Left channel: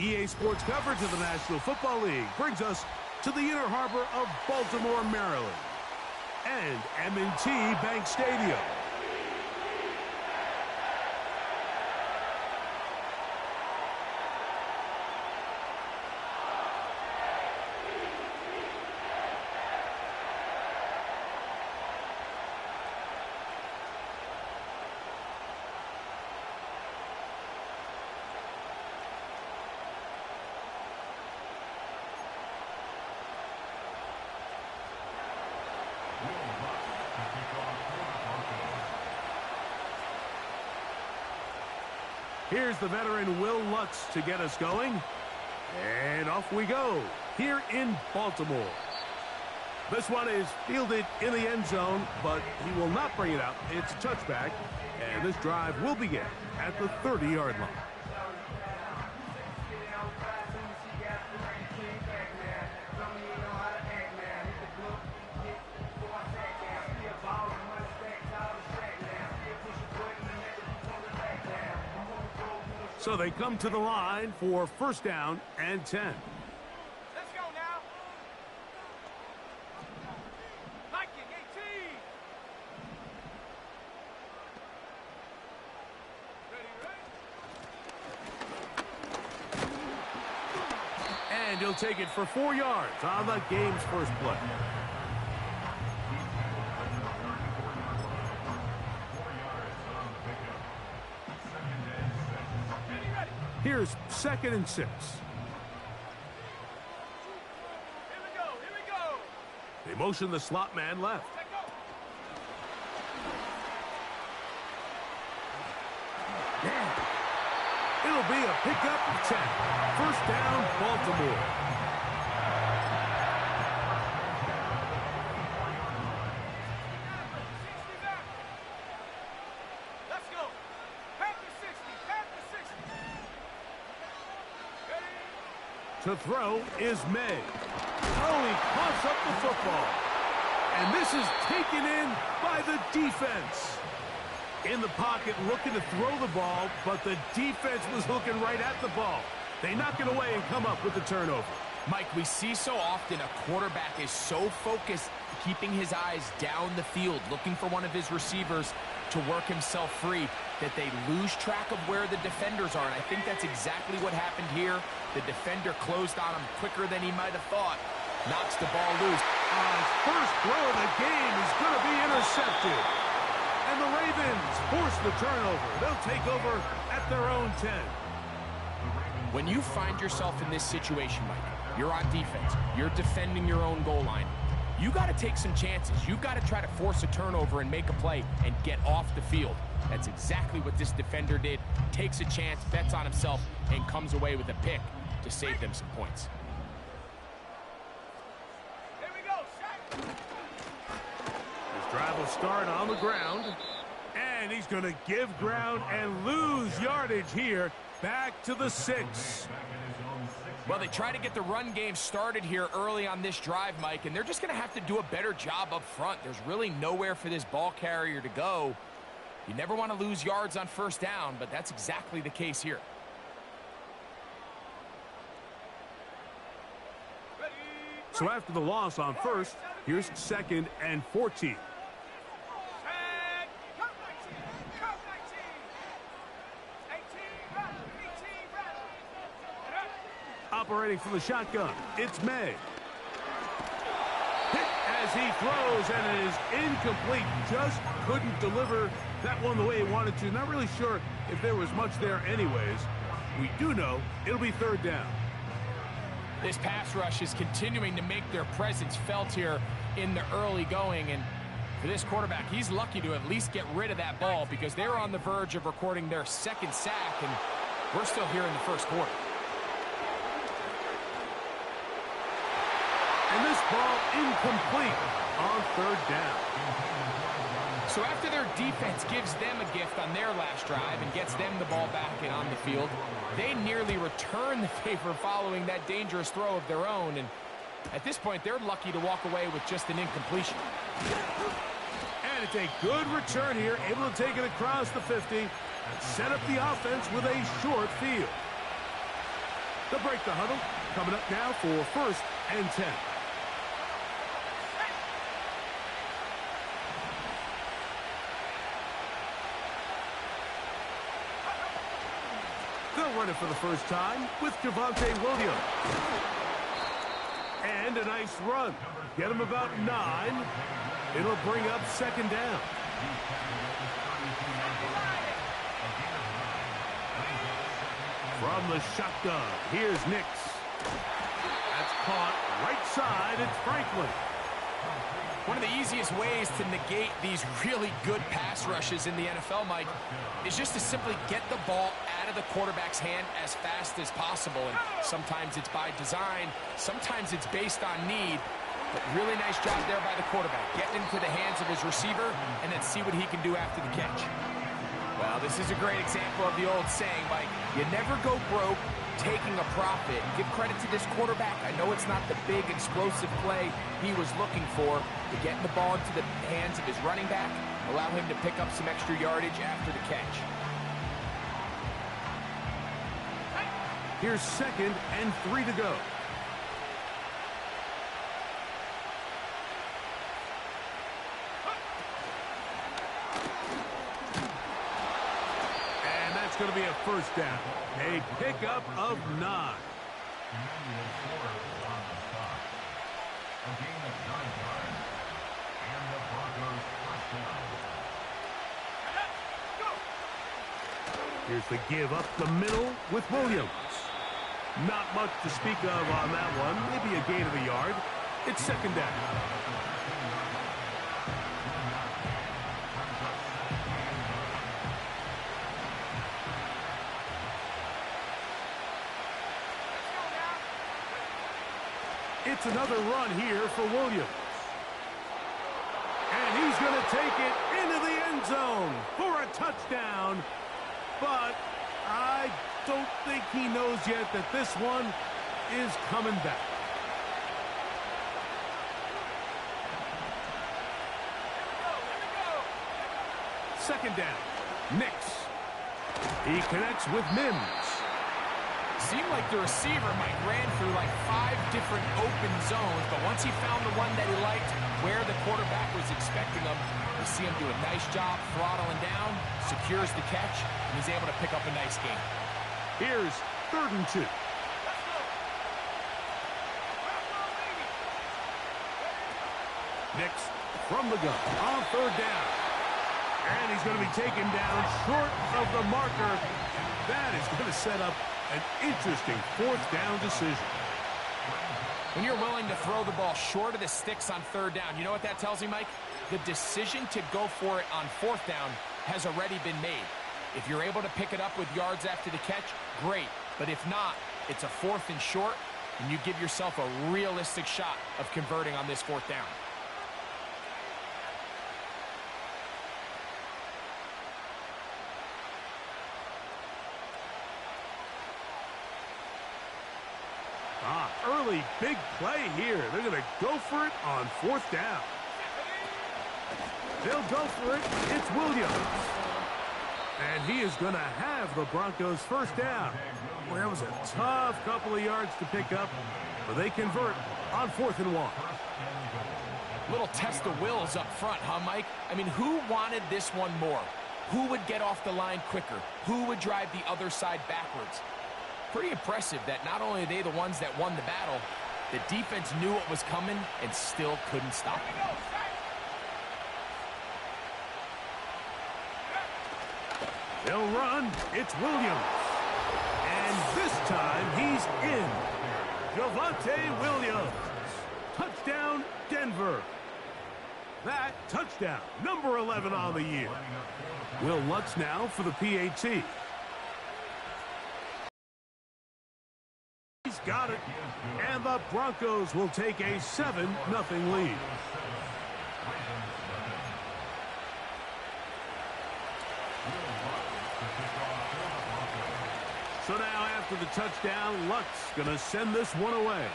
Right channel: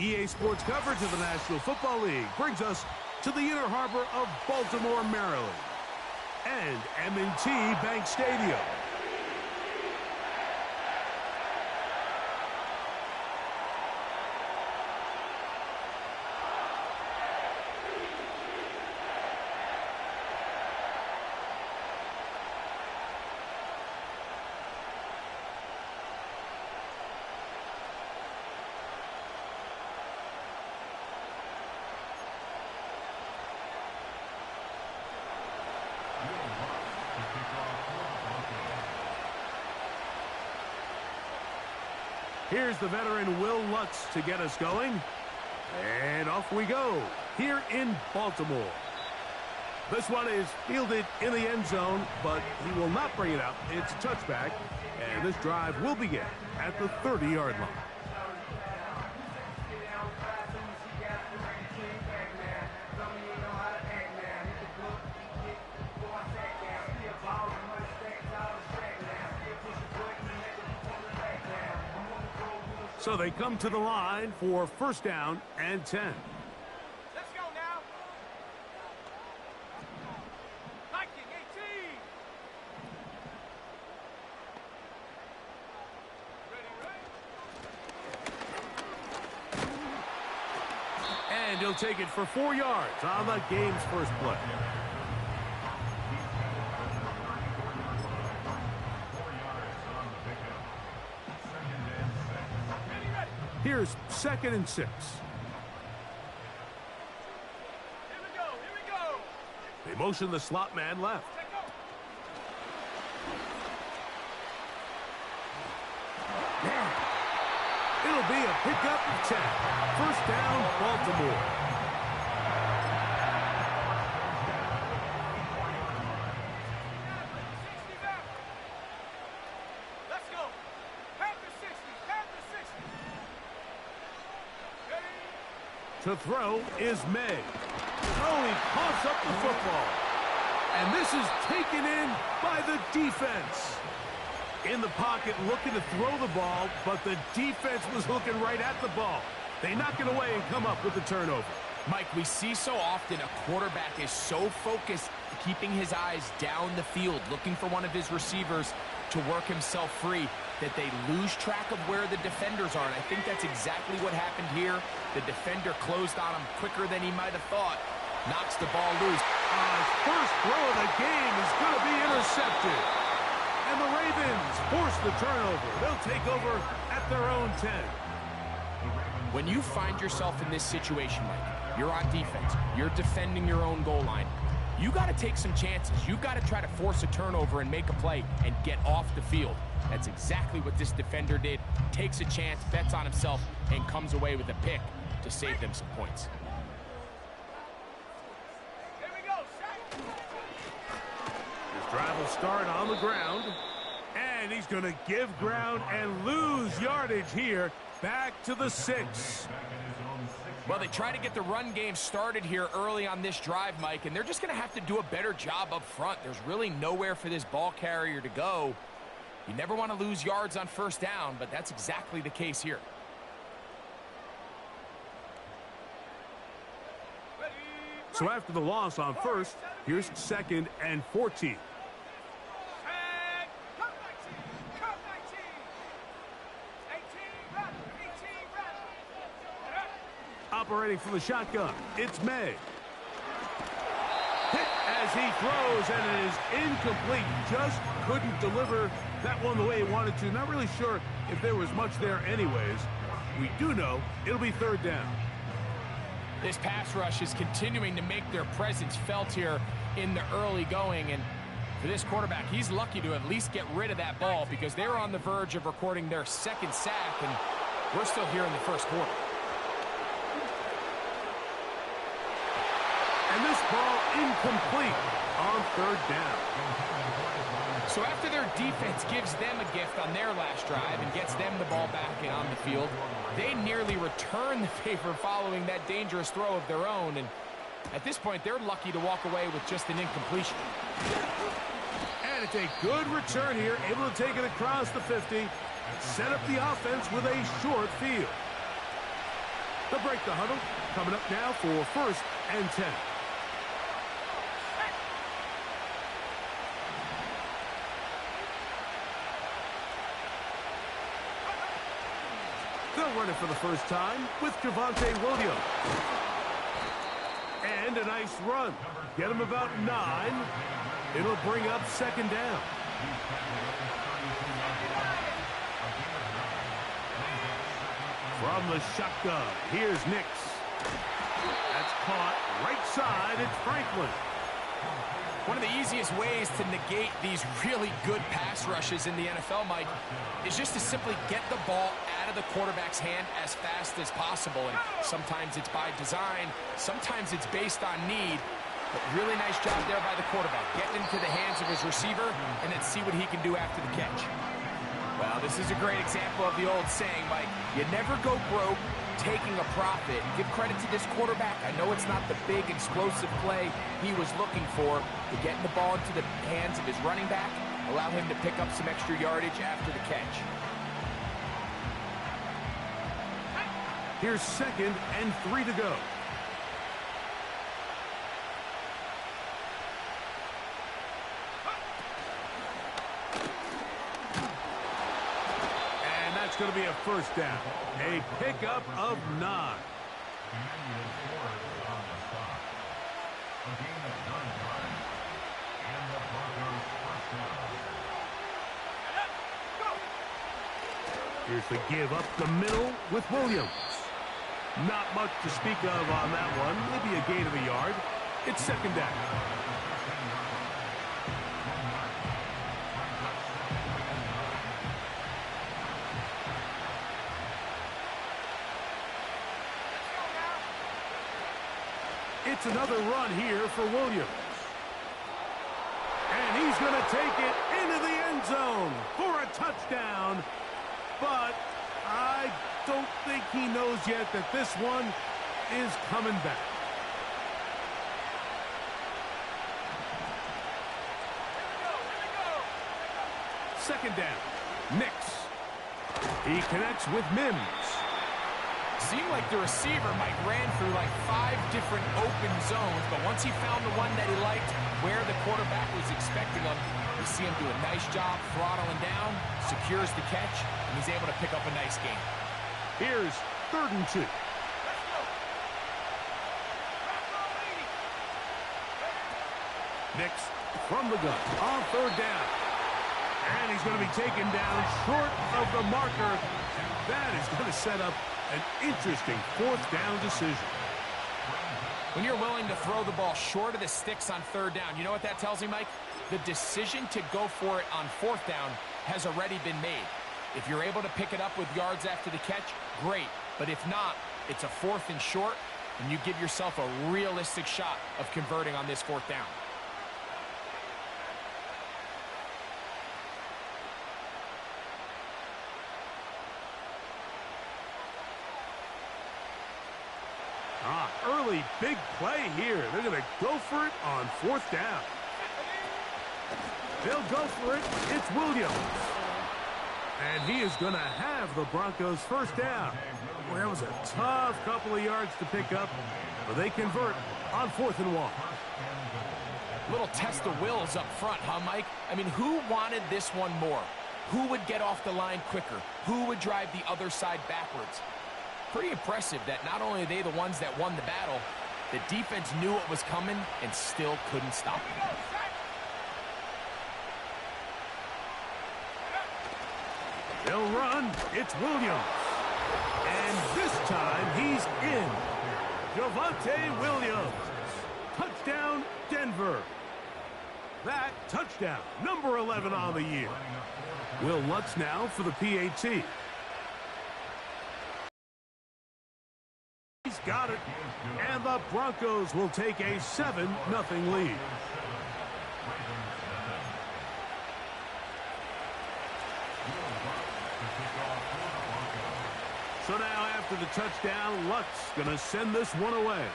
EA Sports coverage of the National Football League brings us to the inner harbor of Baltimore, Maryland, and M&T Bank Stadium. Here's the veteran Will Lutz to get us going. And off we go here in Baltimore. This one is fielded in the end zone, but he will not bring it out. It's a touchback, and this drive will begin at the 30-yard line. So they come to the line for first down and 10. Let's go now. Viking 18. Ready, And he'll take it for 4 yards on the game's first play. Here's 2nd and 6. Here we go. They motion the slot man left. Take go. It'll be a pickup of 10. First down, Baltimore. Let's go. Panther 60. Panther 60. To throw is May. Oh, he coughs up the football. And this is taken in by the defense. In the pocket looking to throw the ball, but the defense was looking right at the ball. They knock it away and come up with the turnover. Mike, we see so often a quarterback is so focused, keeping his eyes down the field, looking for one of his receivers to work himself free, that they lose track of where the defenders are. And I think that's exactly what happened here. The defender closed on him quicker than he might have thought. Knocks the ball loose. His first throw of the game is going to be intercepted. And the Ravens force the turnover. They'll take over at their own 10. When you find yourself in this situation, Mike, you're on defense, you're defending your own goal line, you got to take some chances. You got to try to force a turnover and make a play and get off the field. That's exactly what this defender did. Takes a chance, bets on himself, and comes away with a pick to save them some points. Here we go. Set. His drive will start on the ground. And he's going to give ground and lose yardage here. Back to the 6. Well, they try to get the run game started here early on this drive, Mike, and they're just going to have to do a better job up front. There's really nowhere for this ball carrier to go. You never want to lose yards on first down, but that's exactly the case here. Ready. So after the loss on first, here's 2nd and 14. Cut 19. Cut 19. 18. Run. 18. Run. Operating from the shotgun, it's May. Hit as he throws, and it is incomplete. Just couldn't deliver that one the way he wanted to. Not really sure if there was much there anyways. We do know it'll be 3rd down. This pass rush is continuing to make their presence felt here in the early going, and for this quarterback, he's lucky to at least get rid of that ball because they were on the verge of recording their 2nd sack, and we're still here in the first quarter. And this ball incomplete on 3rd down. So after their defense gives them a gift on their last drive and gets them the ball back and on the field, they nearly return the favor following that dangerous throw of their own. And at this point, they're lucky to walk away with just an incompletion. And it's a good return here, able to take it across the 50 and set up the offense with a short field. They'll break the huddle. Coming up now for 1st and 10. They'll run it for the first time with Javonte Williams. And a nice run. Get him about 9. It'll bring up 2nd down. From the shotgun, here's Nix. That's caught right side. It's Franklin. One of the easiest ways to negate these really good pass rushes in the NFL, Mike, is just to simply get the ball out of the quarterback's hand as fast as possible. And sometimes it's by design, sometimes it's based on need. But really nice job there by the quarterback, getting into the hands of his receiver, and then see what he can do after the catch. Well, this is a great example of the old saying, Mike, you never go broke taking a profit. Give credit to this quarterback. I know it's not the big explosive play he was looking for, but getting the ball into the hands of his running back, allow him to pick up some extra yardage after the catch. Here's 2nd and 3 to go. It's going to be a 1st down. A pickup of 9. Here's the give up the middle with Williams. Not much to speak of on that one. Maybe a gain of a yard. It's 2nd down. It's another run here for Williams. And he's going to take it into the end zone for a touchdown. But I don't think he knows yet that this one is coming back. Here we go. 2nd down. Nix. He connects with Mims. Seemed like the receiver, Mike, ran through like 5 different open zones, but once he found the one that he liked, where the quarterback was expecting him, you see him do a nice job throttling down, secures the catch, and he's able to pick up a nice gain. Here's 3rd and 2. Let's go. Rock on, lady. Nix from the gun on 3rd down. And he's going to be taken down short of the marker. And that is going to set up an interesting 4th down decision. When you're willing to throw the ball short of the sticks on 3rd down, you know what that tells me, Mike? The decision to go for it on 4th down has already been made. If you're able to pick it up with yards after the catch, great. But if not, it's a 4th and short, and you give yourself a realistic shot of converting on this 4th down. Early big play here. They're going to go for it on 4th down. They'll go for it. It's Williams. And he is going to have the Broncos' 1st down. Well, that was a tough couple of yards to pick up, but they convert on 4th and 1. Little test of wills up front, huh, Mike? I mean, who wanted this one more? Who would get off the line quicker? Who would drive the other side backwards? Pretty impressive that not only are they the ones that won the battle, the defense knew what was coming and still couldn't stop it. They'll run. It's Williams. And this time he's in. Javonte Williams. Touchdown, Denver. That touchdown, number 11 on the year. Will Lutz now for the PAT. He's got it. And the Broncos will take a 7-0 lead. So now after the touchdown, Lutz going to send this one away.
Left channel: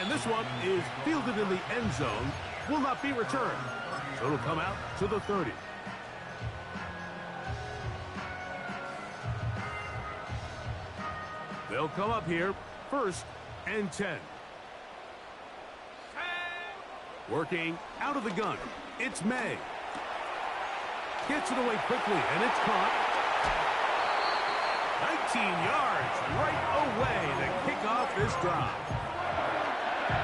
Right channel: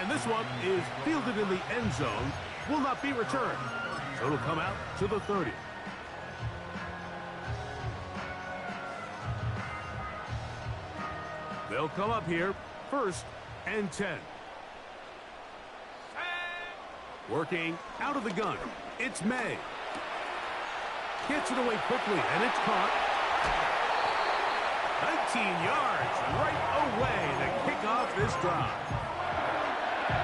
And this one is fielded in the end zone, will not be returned. So it'll come out to the 30. They'll come up here, 1st and 10. Working out of the gun, it's May. Gets it away quickly, and it's caught. 19 yards right away to kick off this drive.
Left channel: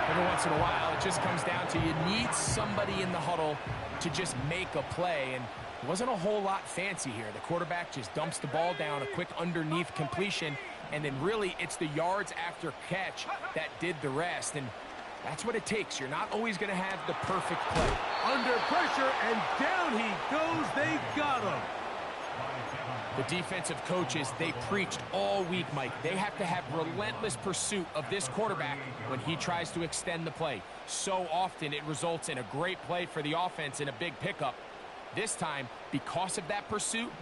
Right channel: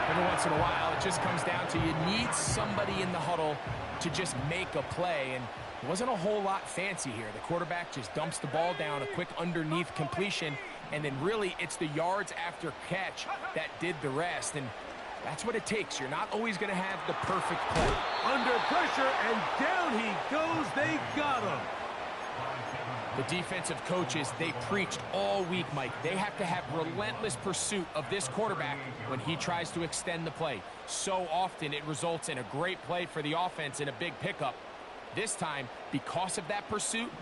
Every once in a while, it just comes down to you need somebody in the huddle to just make a play, and it wasn't a whole lot fancy here. The quarterback just dumps the ball down, a quick underneath completion, and then really it's the yards after catch that did the rest, and that's what it takes. You're not always going to have the perfect play. Under pressure, and down he goes. They got him. The defensive coaches, they preached all week, Mike. They have to have relentless pursuit of this quarterback when he tries to extend the play. So often it results in a great play for the offense and a big pickup. This time, because of that pursuit,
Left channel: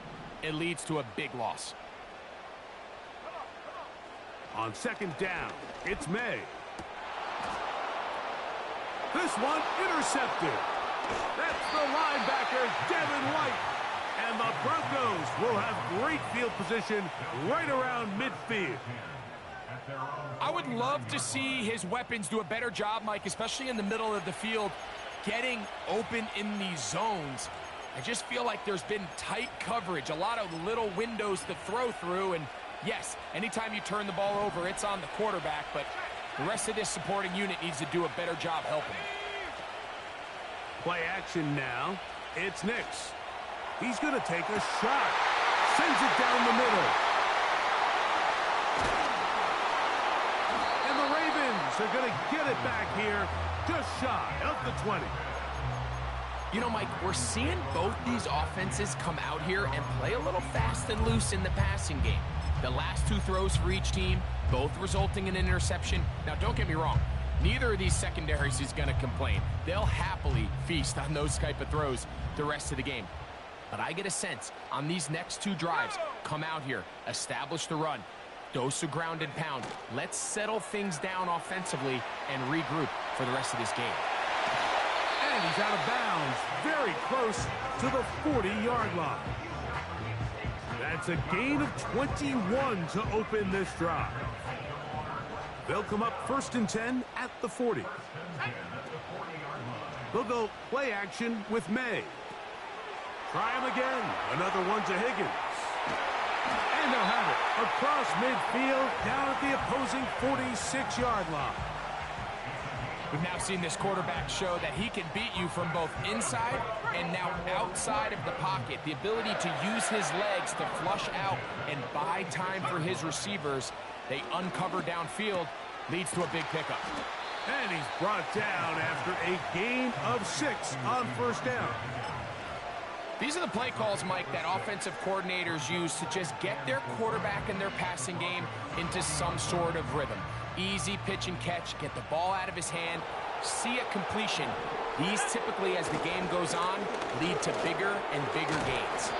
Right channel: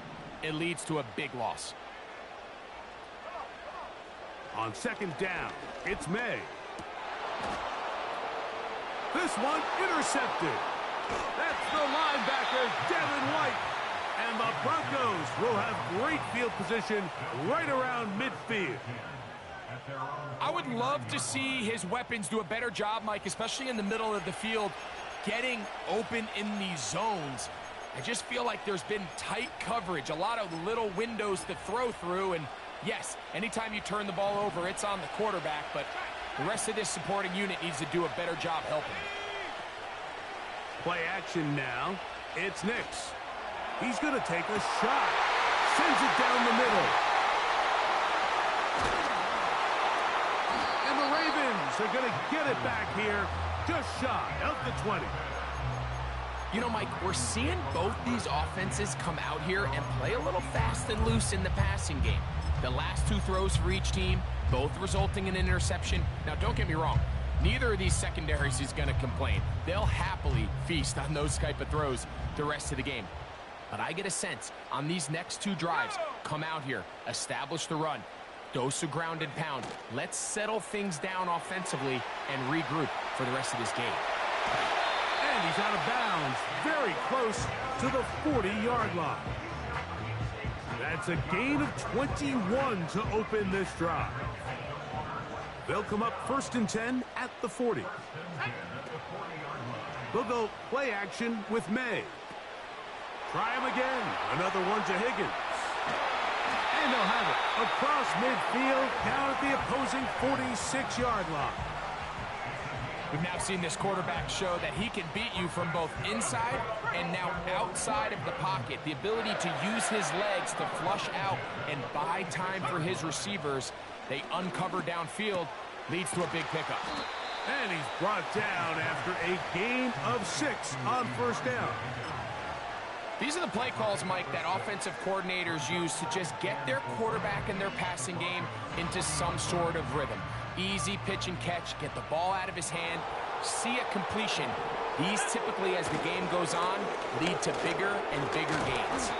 it leads to a big loss. On 2nd down, it's May. This one intercepted. That's the linebacker, Devin White. And the Broncos will have great field position right around midfield. I would love to see his weapons do a better job, Mike, especially in the middle of the field, getting open in these zones. I just feel like there's been tight coverage, a lot of little windows to throw through, and yes, anytime you turn the ball over, it's on the quarterback, but the rest of this supporting unit needs to do a better job helping him. Play action now. It's Nix. He's going to take a shot. Sends it down the middle. And the Ravens are going to get it back here just shy of the 20. You know, Mike, we're seeing both these offenses come out here and play a little fast and loose in the passing game. The last 2 throws for each team, both resulting in an interception. Now, don't get me wrong. Neither of these secondaries is going to complain. They'll happily feast on those type of throws the rest of the game. But I get a sense on these next 2 drives, come out here, establish the run, dose of ground and pound. Let's settle things down offensively and regroup for the rest of this game. And he's out of bounds, very close to the 40-yard line. That's a gain of 21 to open this drive. They'll come up 1st and 10 at the 40. They'll go play action with May. Try him again. Another one to Higgins. And they'll have it across midfield down at the opposing 46-yard line. We've now seen this quarterback show that he can beat you from both inside and now outside of the pocket. The ability to use his legs to flush out and buy time for his receivers. They uncover downfield, leads to a big pickup. And he's brought down after a gain of 6 on 1st down. These are the play calls, Mike, that offensive coordinators use to just get their quarterback and their passing game into some sort of rhythm. Easy pitch and catch, get the ball out of his hand, see a completion. These typically, as the game goes on, lead to bigger and bigger gains.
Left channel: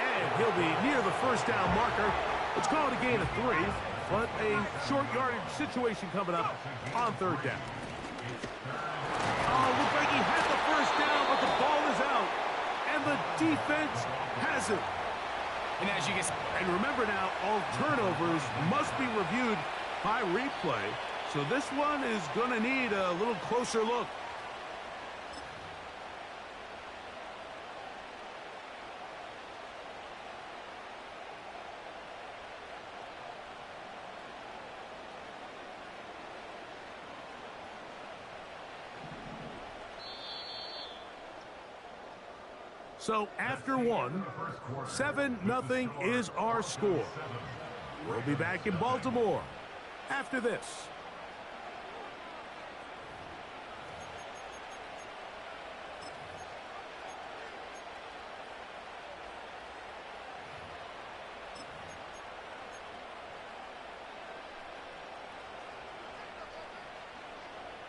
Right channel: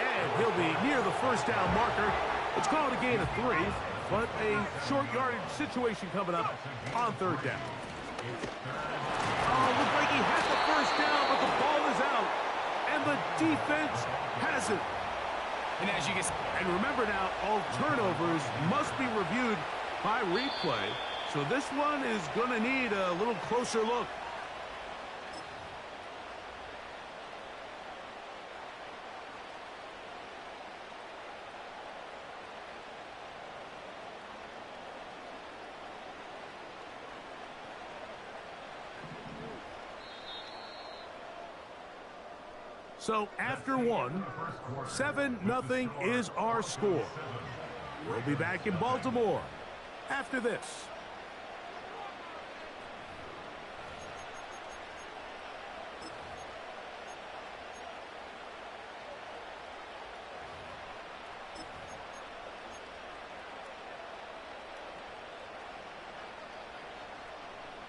And he'll be near the 1st down marker. It's called a gain of 3, but a short yardage situation coming up on 3rd down. Oh, looks like he had the 1st down, but the ball is out. And the defense has it. And as you can see, and remember now, all turnovers must be reviewed by replay. So this one is going to need a little closer look. So after 1, 7-0 is our score. We'll be back in Baltimore after this.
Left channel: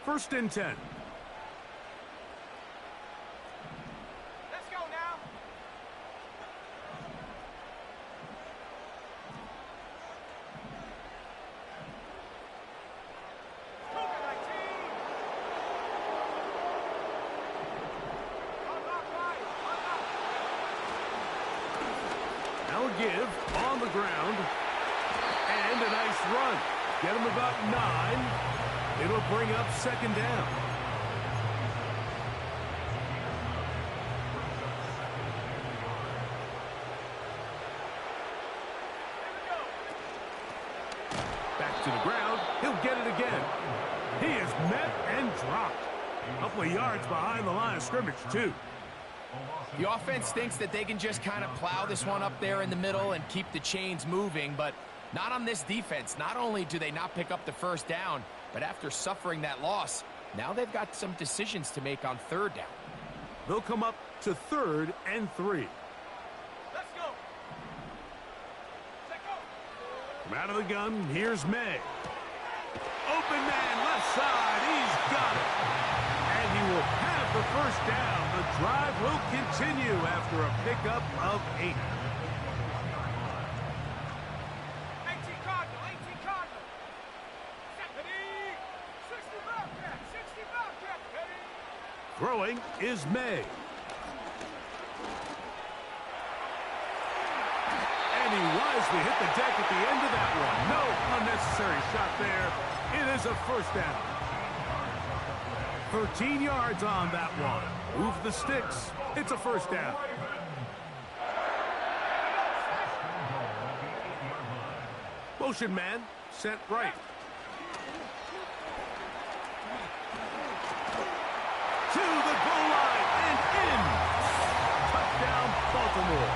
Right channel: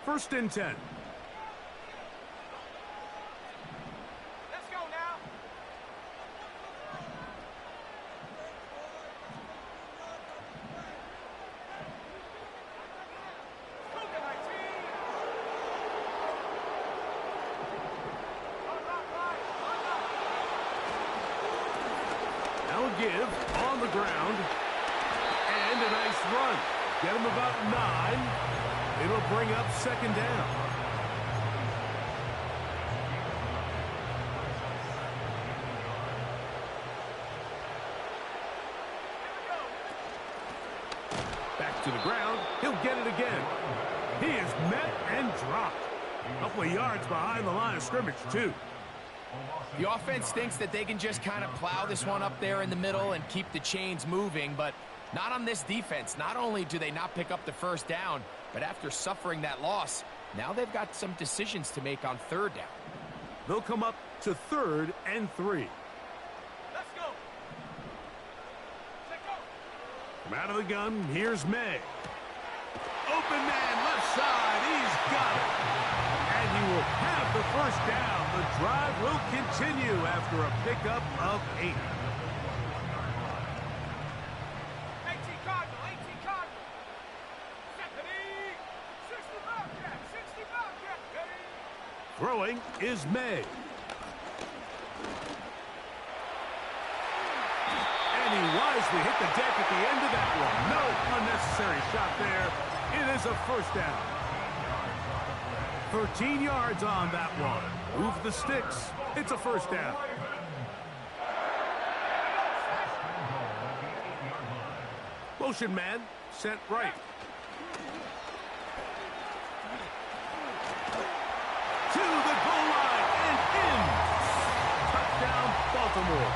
First and 10. Give on the ground, And a nice run. Get him about 9. It'll bring up second down. Back to the ground. He'll get it again. He is met and dropped. A couple of yards behind the line of scrimmage, too. The offense thinks that they can just kind of plow this one up there in the middle and keep the chains moving, but not on this defense. Not only do they not pick up the first down, but after suffering that loss, now they've got some decisions to make on third down. They'll come up to 3rd and 3. Let's go. Set go. From out of the gun, here's May. Open man, left side. He's got it. And he will have the first down. The drive will continue after a pickup of 8. 18 Cardinal, 18 Cardinal. Ready. 60 Bobcat, 60 Bobcat. Ready. Throwing is May. And he wisely hit the deck at the end of that one. No unnecessary shot there. It is a first down. 13 yards on that one. Move the sticks. It's a first down. Motion man sent right. To the goal line and in. Touchdown, Baltimore.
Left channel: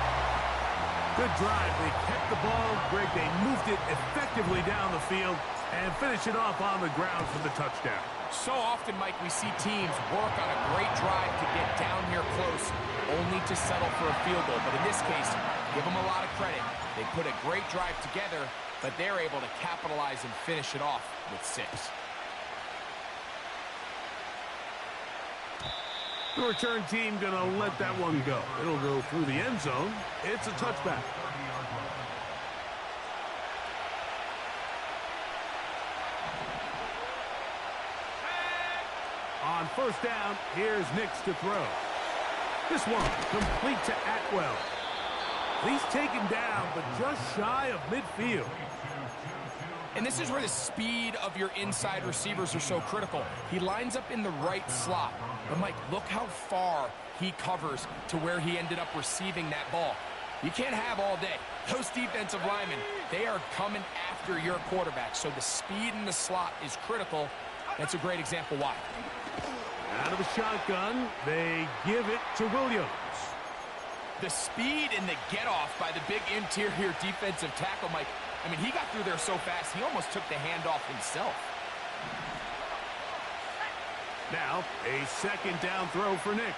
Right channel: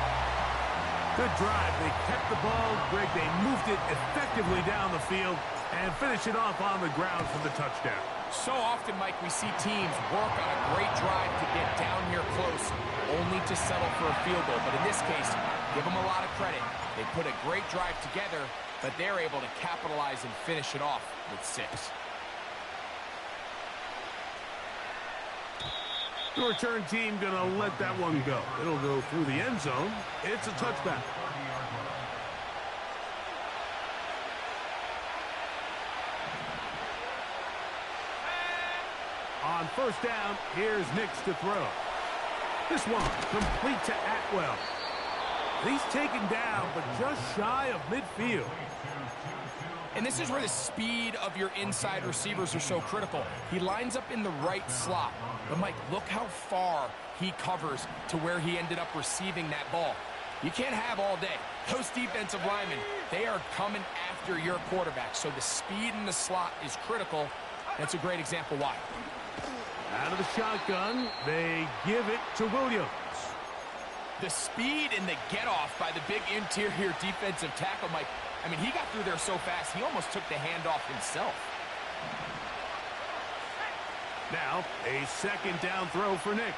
Good drive. They kept the ball. Greg, they moved it effectively down the field and finish it off on the ground for the touchdown. So often, Mike, we see teams work on a great drive to get down here close, only to settle for a field goal. But in this case, give them a lot of credit. They put a great drive together, but they're able to capitalize and finish it off with 6. The return team going to let that one go. It'll go through the end zone. It's a touchback. On first down, here's Nix to throw. This one complete to Atwell. He's taken down, but just shy of midfield. And this is where the speed of your inside receivers are so critical. He lines up in the right slot. But, Mike, look how far he covers to where he ended up receiving that ball. You can't have all day. Those defensive linemen, they are coming after your quarterback. So the speed in the slot is critical. That's a great example why. Out of the shotgun, they give it to Williams. The speed and the get-off by the big interior defensive tackle, Mike. I mean, he got through there so fast, he almost took the handoff himself. Now, a second down throw for Nix.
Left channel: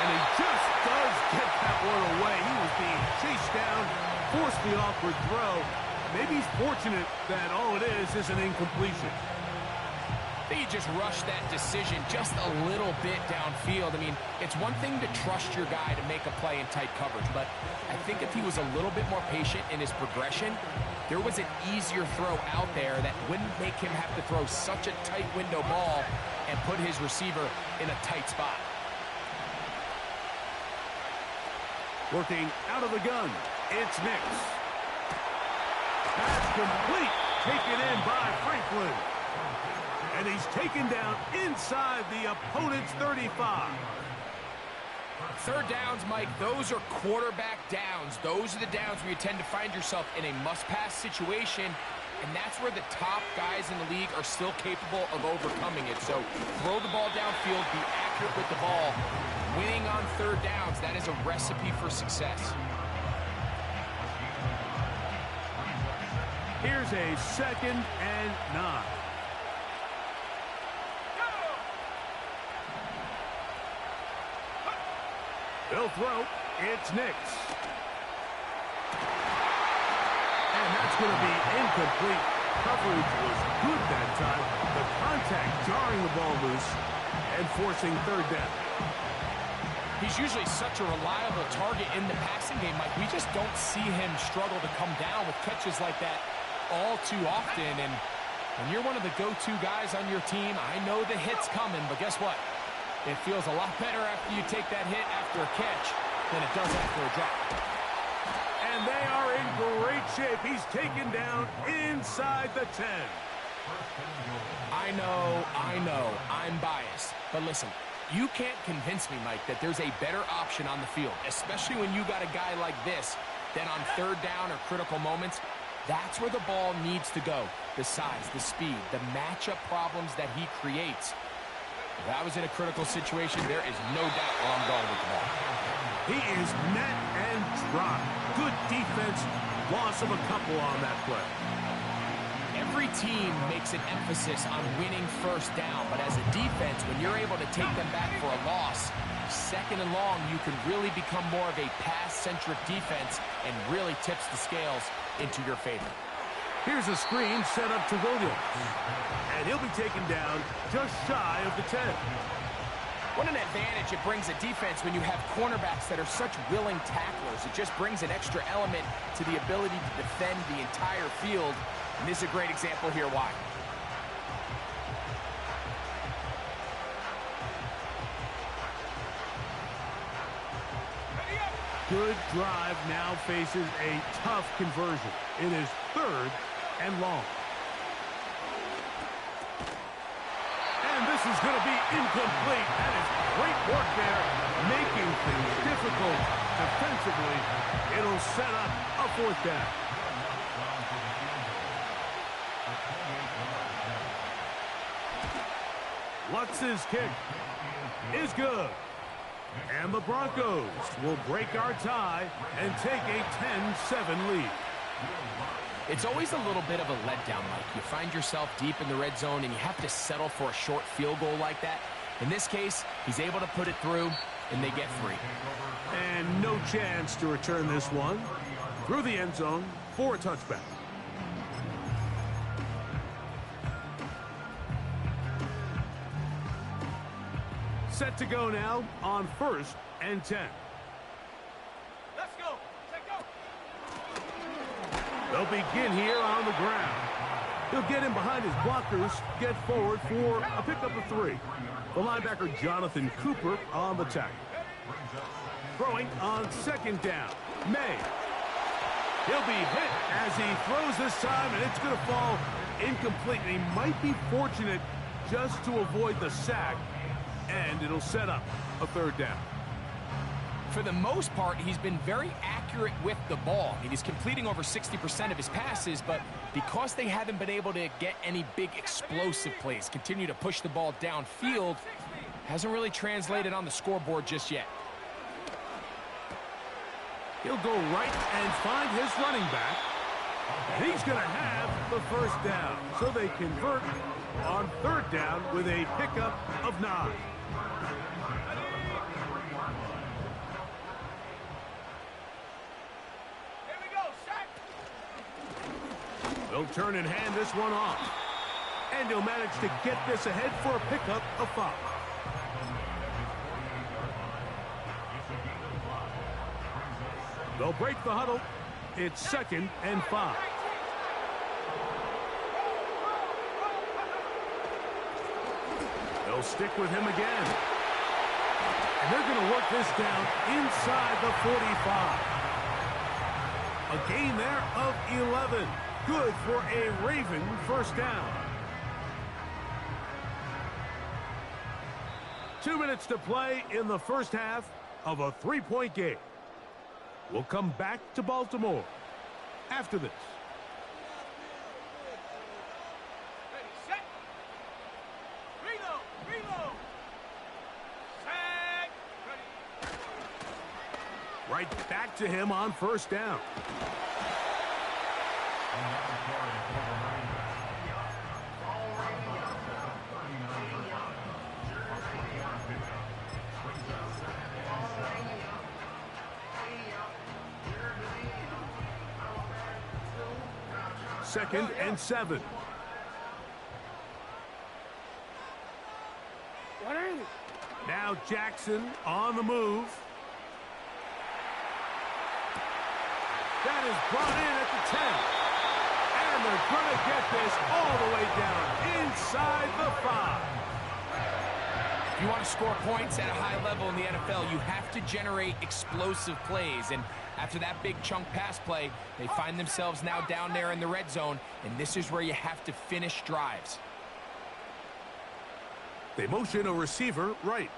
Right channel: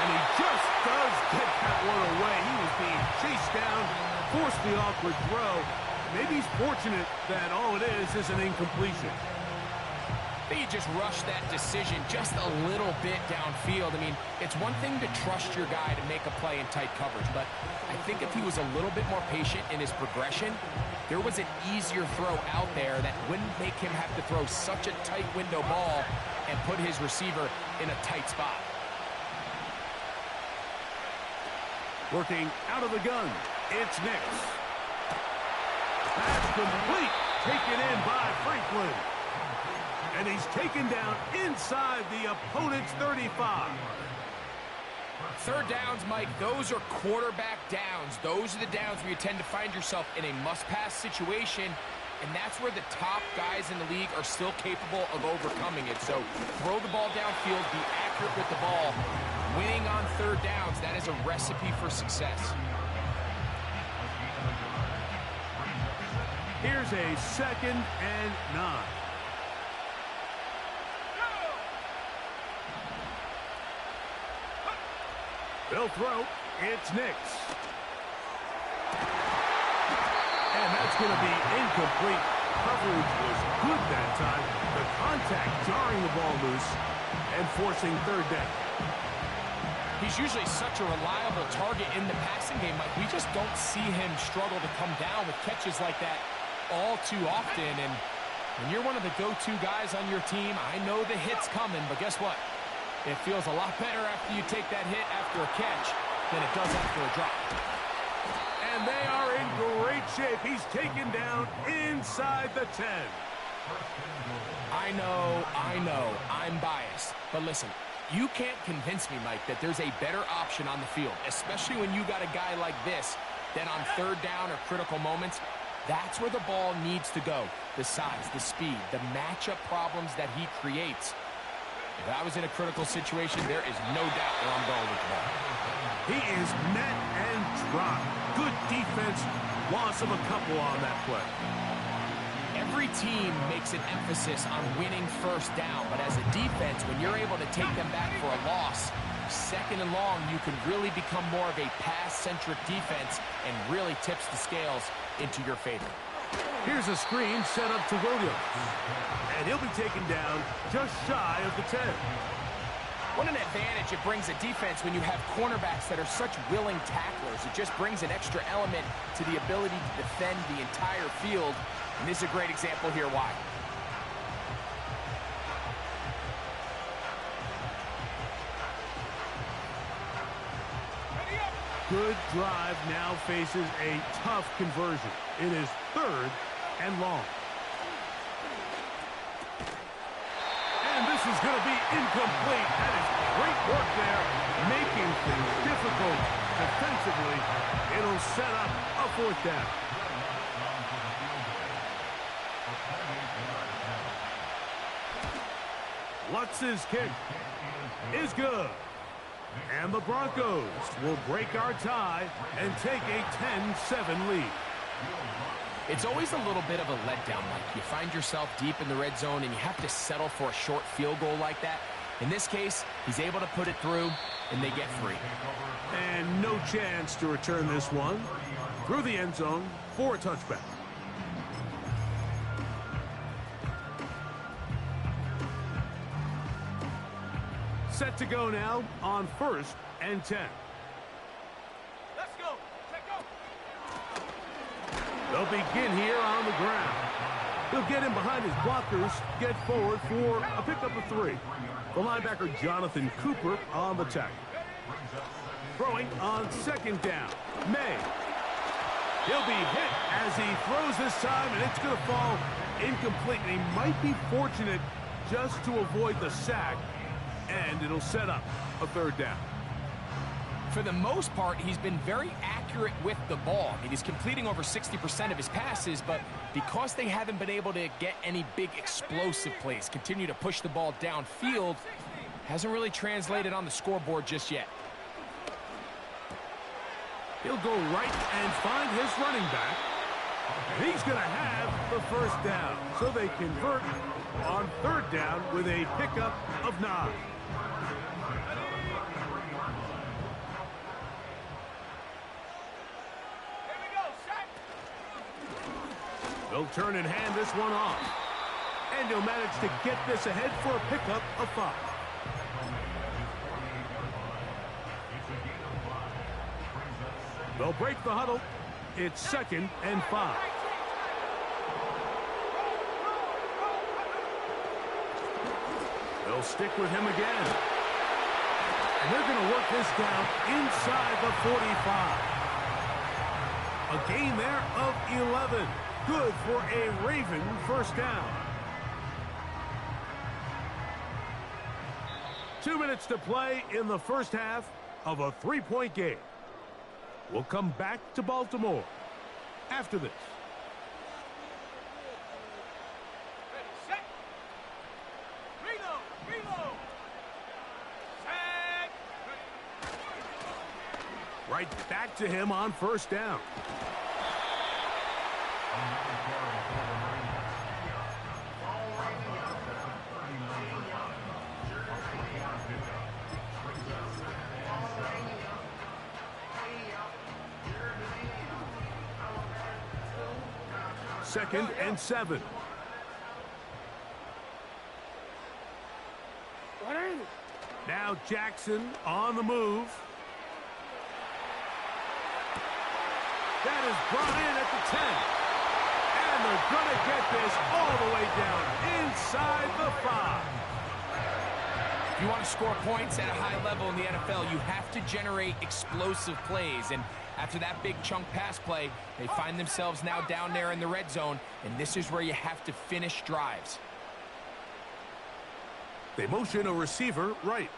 And he just does get that one away. He was being chased down, forced the awkward throw. Maybe he's fortunate that all it is an incompletion. I think he just rushed that decision just a little bit downfield. I mean, it's one thing to trust your guy to make a play in tight coverage, but I think if he was a little bit more patient in his progression, there was an easier throw out there that wouldn't make him have to throw such a tight window ball and put his receiver in a tight spot. Working out of the gun, it's Nix. Pass complete, taken in by Franklin. And he's taken down inside the opponent's 35. Third downs, Mike, those are quarterback downs. Those are the downs where you tend to find yourself in a must-pass situation, and that's where the top guys in the league are still capable of overcoming it. So throw the ball downfield, be accurate with the ball. Winning on third downs, that is a recipe for success. Here's a 2nd and 9. They'll throw. It's Nix. And that's going to be incomplete. Coverage was good that time. The contact jarring the ball loose and forcing third down. He's usually such a reliable target in the passing game, Mike. We just don't see him struggle to come down with catches like that all too often. And when you're one of the go-to guys on your team, I know the hit's coming, but guess what? It feels a lot better after you take that hit after a catch than it does after a drop. And And they are in great shape. He's taken down inside the 10. I know, I'm biased. But listen, you can't convince me, Mike, that there's a better option on the field, especially when you got a guy like this, that on third down or critical moments, that's where the ball needs to go. The size, the speed, the matchup problems that he creates. If I was in a critical situation, there is no doubt where I'm going with the ball. He is met and dropped. Good defense. Loss of a couple on that play. Every team makes an emphasis on winning first down, but as a defense, when you're able to take them back for a loss, second and long, you can really become more of a pass-centric defense and really tips the scales into your favor. Here's a screen set up to Williams. And he'll be taken down just shy of the 10. What an advantage it brings a defense when you have cornerbacks that are such willing tacklers. It just brings an extra element to the ability to defend the entire field. And this is a great example here why. Good drive now faces a tough conversion. It is third and long. And this is going to be incomplete. That is great work there, making things difficult defensively. It'll set up a fourth down. Lutz's kick is good. And the Broncos will break our tie and take a 10-7 lead. It's always a little bit of a letdown, Mike. You find yourself deep in the red zone and you have to settle for a short field goal like that. In this case, he's able to put it through, and they get free. And no chance to return this one through the end zone for a touchback. Set to go now on 1st and 10. Let's go. Take go. They'll begin here on the ground. He'll get in behind his blockers, get forward for a pickup of 3. The linebacker Jonathan Cooper on the tackle. Throwing on 2nd down. May. He'll be hit as he throws this time, and it's going to fall incomplete. And he might be fortunate just to avoid the sack, and it'll set up a 3rd down. For the most part, he's been very accurate with the ball. I mean, he's completing over 60% of his passes, but because they haven't been able to get any big explosive plays, continue to push the ball downfield, hasn't really translated on the scoreboard just yet. He'll go right and find his running back. And he's going to have the 1st down. So they convert on 3rd down with a pickup of 9. They'll turn and hand this one off. And he'll manage to get this ahead for a pickup of 5. They'll break the huddle. It's 2nd and 5. They'll stick with him again. And they're going to work this down inside the 45. A gain there of 11. Good for a Raven 1st down. 2 minutes to play in the first half of a 3-point game. We'll come back to Baltimore after this. Ready, set. Reload, reload. Set. Ready. Right back to him on 1st down. Second and 7. Now Jackson on the move. That is brought in at the 10. And they're going to get this all the way down inside the 5. you want to score points at a high level in the NFL, you have to generate explosive plays. And after that big chunk pass play, they find themselves now down there in the red zone, and this is where you have to finish drives. They motion a receiver right.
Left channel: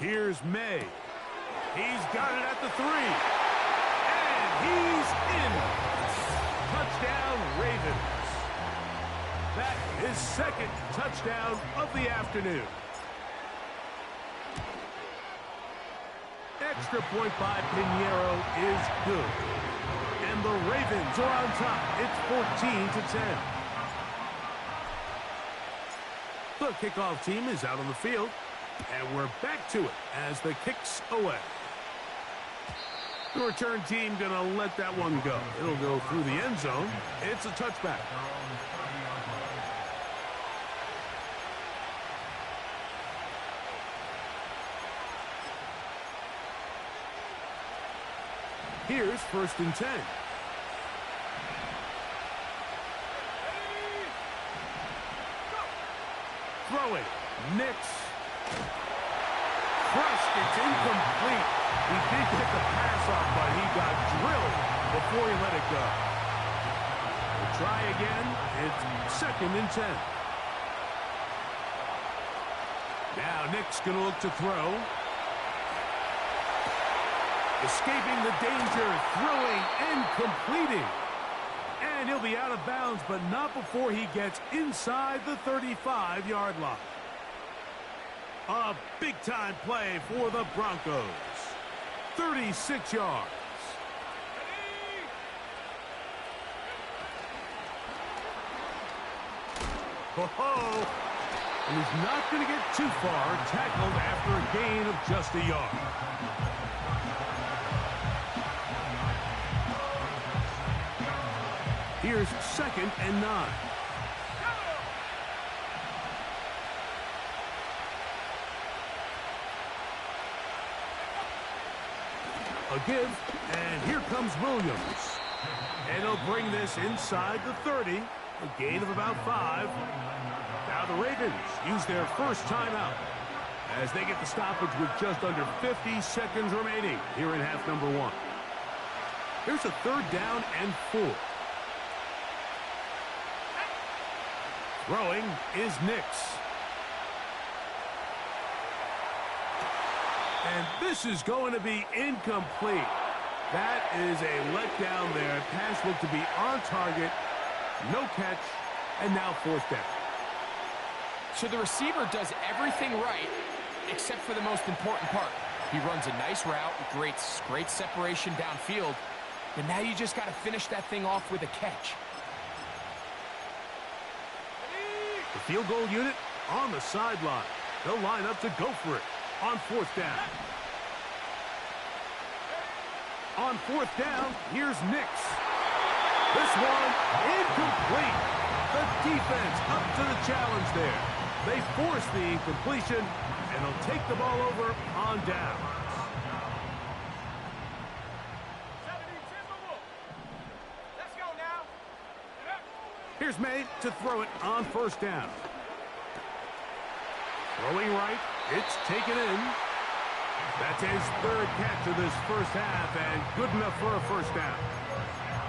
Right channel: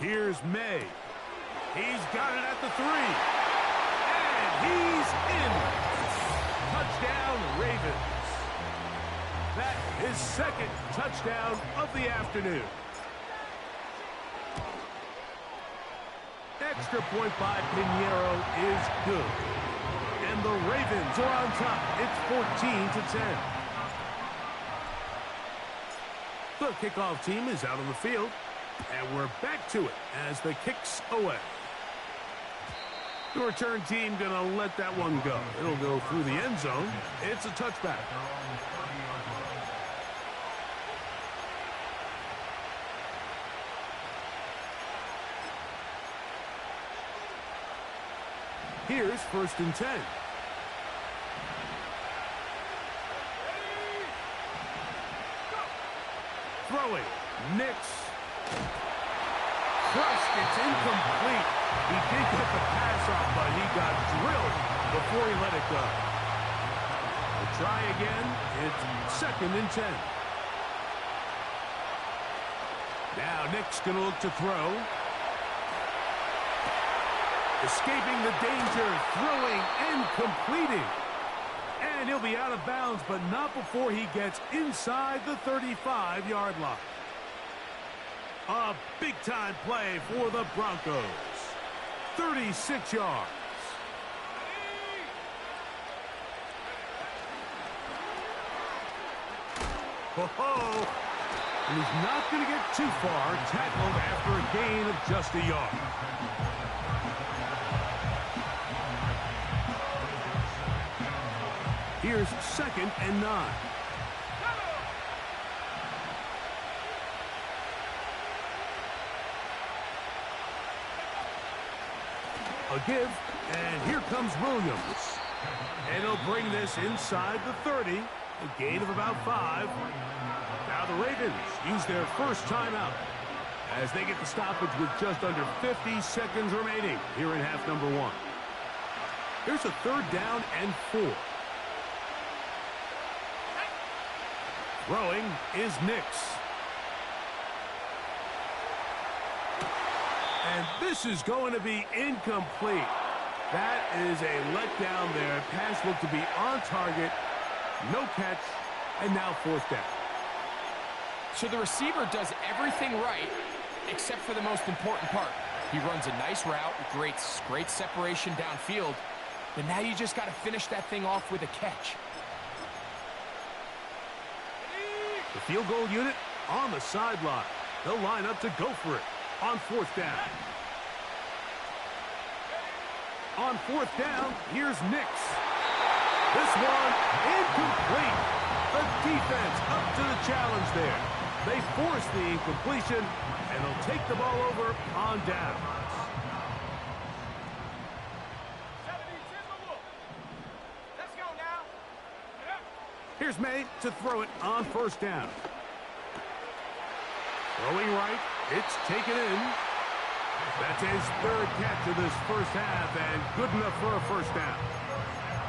Here's May. He's got it at the 3. And he's in. Touchdown, Ravens. That is second touchdown of the afternoon. Extra point by Pinheiro is good. And the Ravens are on top. It's 14-10. The kickoff team is out on the field. And we're back to it as the kick's away. The return team going to let that one go. It'll go through the end zone. It's a touchback. Here's 1st and 10. Throwing. Nix. Crushed. It's incomplete. He did get the pass off, but he got drilled before he let it go. We'll try again. It's 2nd and 10. Now Nick's going to look to throw. Escaping the danger, throwing and completing. And he'll be out of bounds, but not before he gets inside the 35-yard line. A big-time play for the Broncos. 36 yards. Ho-ho! And he's not going to get too far, tackled after a gain of just a yard. Here's 2nd and 9. A give, and here comes Williams. And he'll bring this inside the 30, a gain of about 5. Now the Ravens use their first timeout as they get the stoppage with just under 50 seconds remaining here in half number 1. Here's a 3rd down and 4. Throwing is Nix. And this is going to be incomplete. That is a letdown there. Pass looked to be on target. No catch. And now 4th down. So the receiver does everything right except for the most important part. He runs a nice route, great separation downfield. But now you just got to finish that thing off with a catch. The field goal unit on the sideline. They'll line up to go for it on 4th down. On 4th down, here's Nix. This one incomplete. The defense up to the challenge there. They force the incompletion, and they'll take the ball over on downs. Let's go now. Here's May to throw it on 1st down. Throwing right, it's taken in. That's his 3rd catch of this first half, and good enough for a 1st down.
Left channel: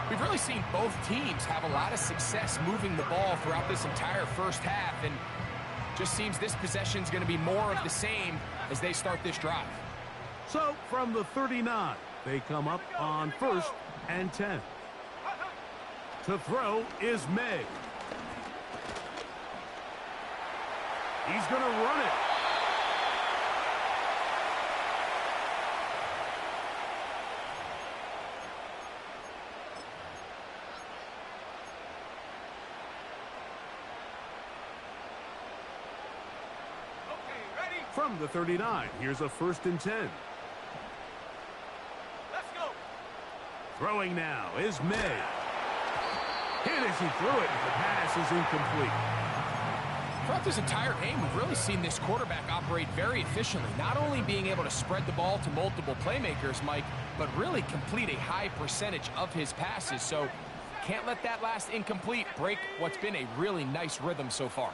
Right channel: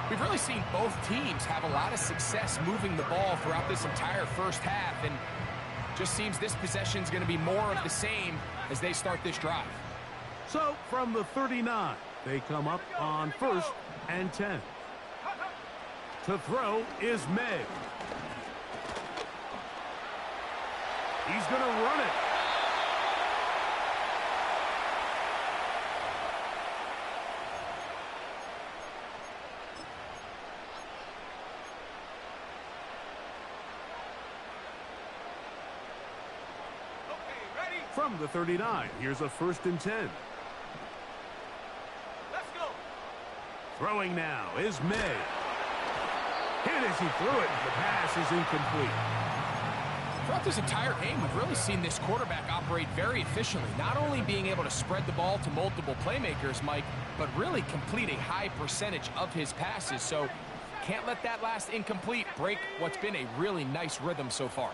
We've really seen both teams have a lot of success moving the ball throughout this entire first half, and just seems this possession is going to be more of the same as they start this drive. So from the 39, they come up on 1st and 10. To throw is May. He's going to run it. From the 39, here's a 1st and 10. Let's go. Throwing now is May. Hit as he threw it. The pass is incomplete. Throughout this entire game, we've really seen this quarterback operate very efficiently, not only being able to spread the ball to multiple playmakers, Mike, but really complete a high percentage of his passes. So can't let that last incomplete break what's been a really nice rhythm so far.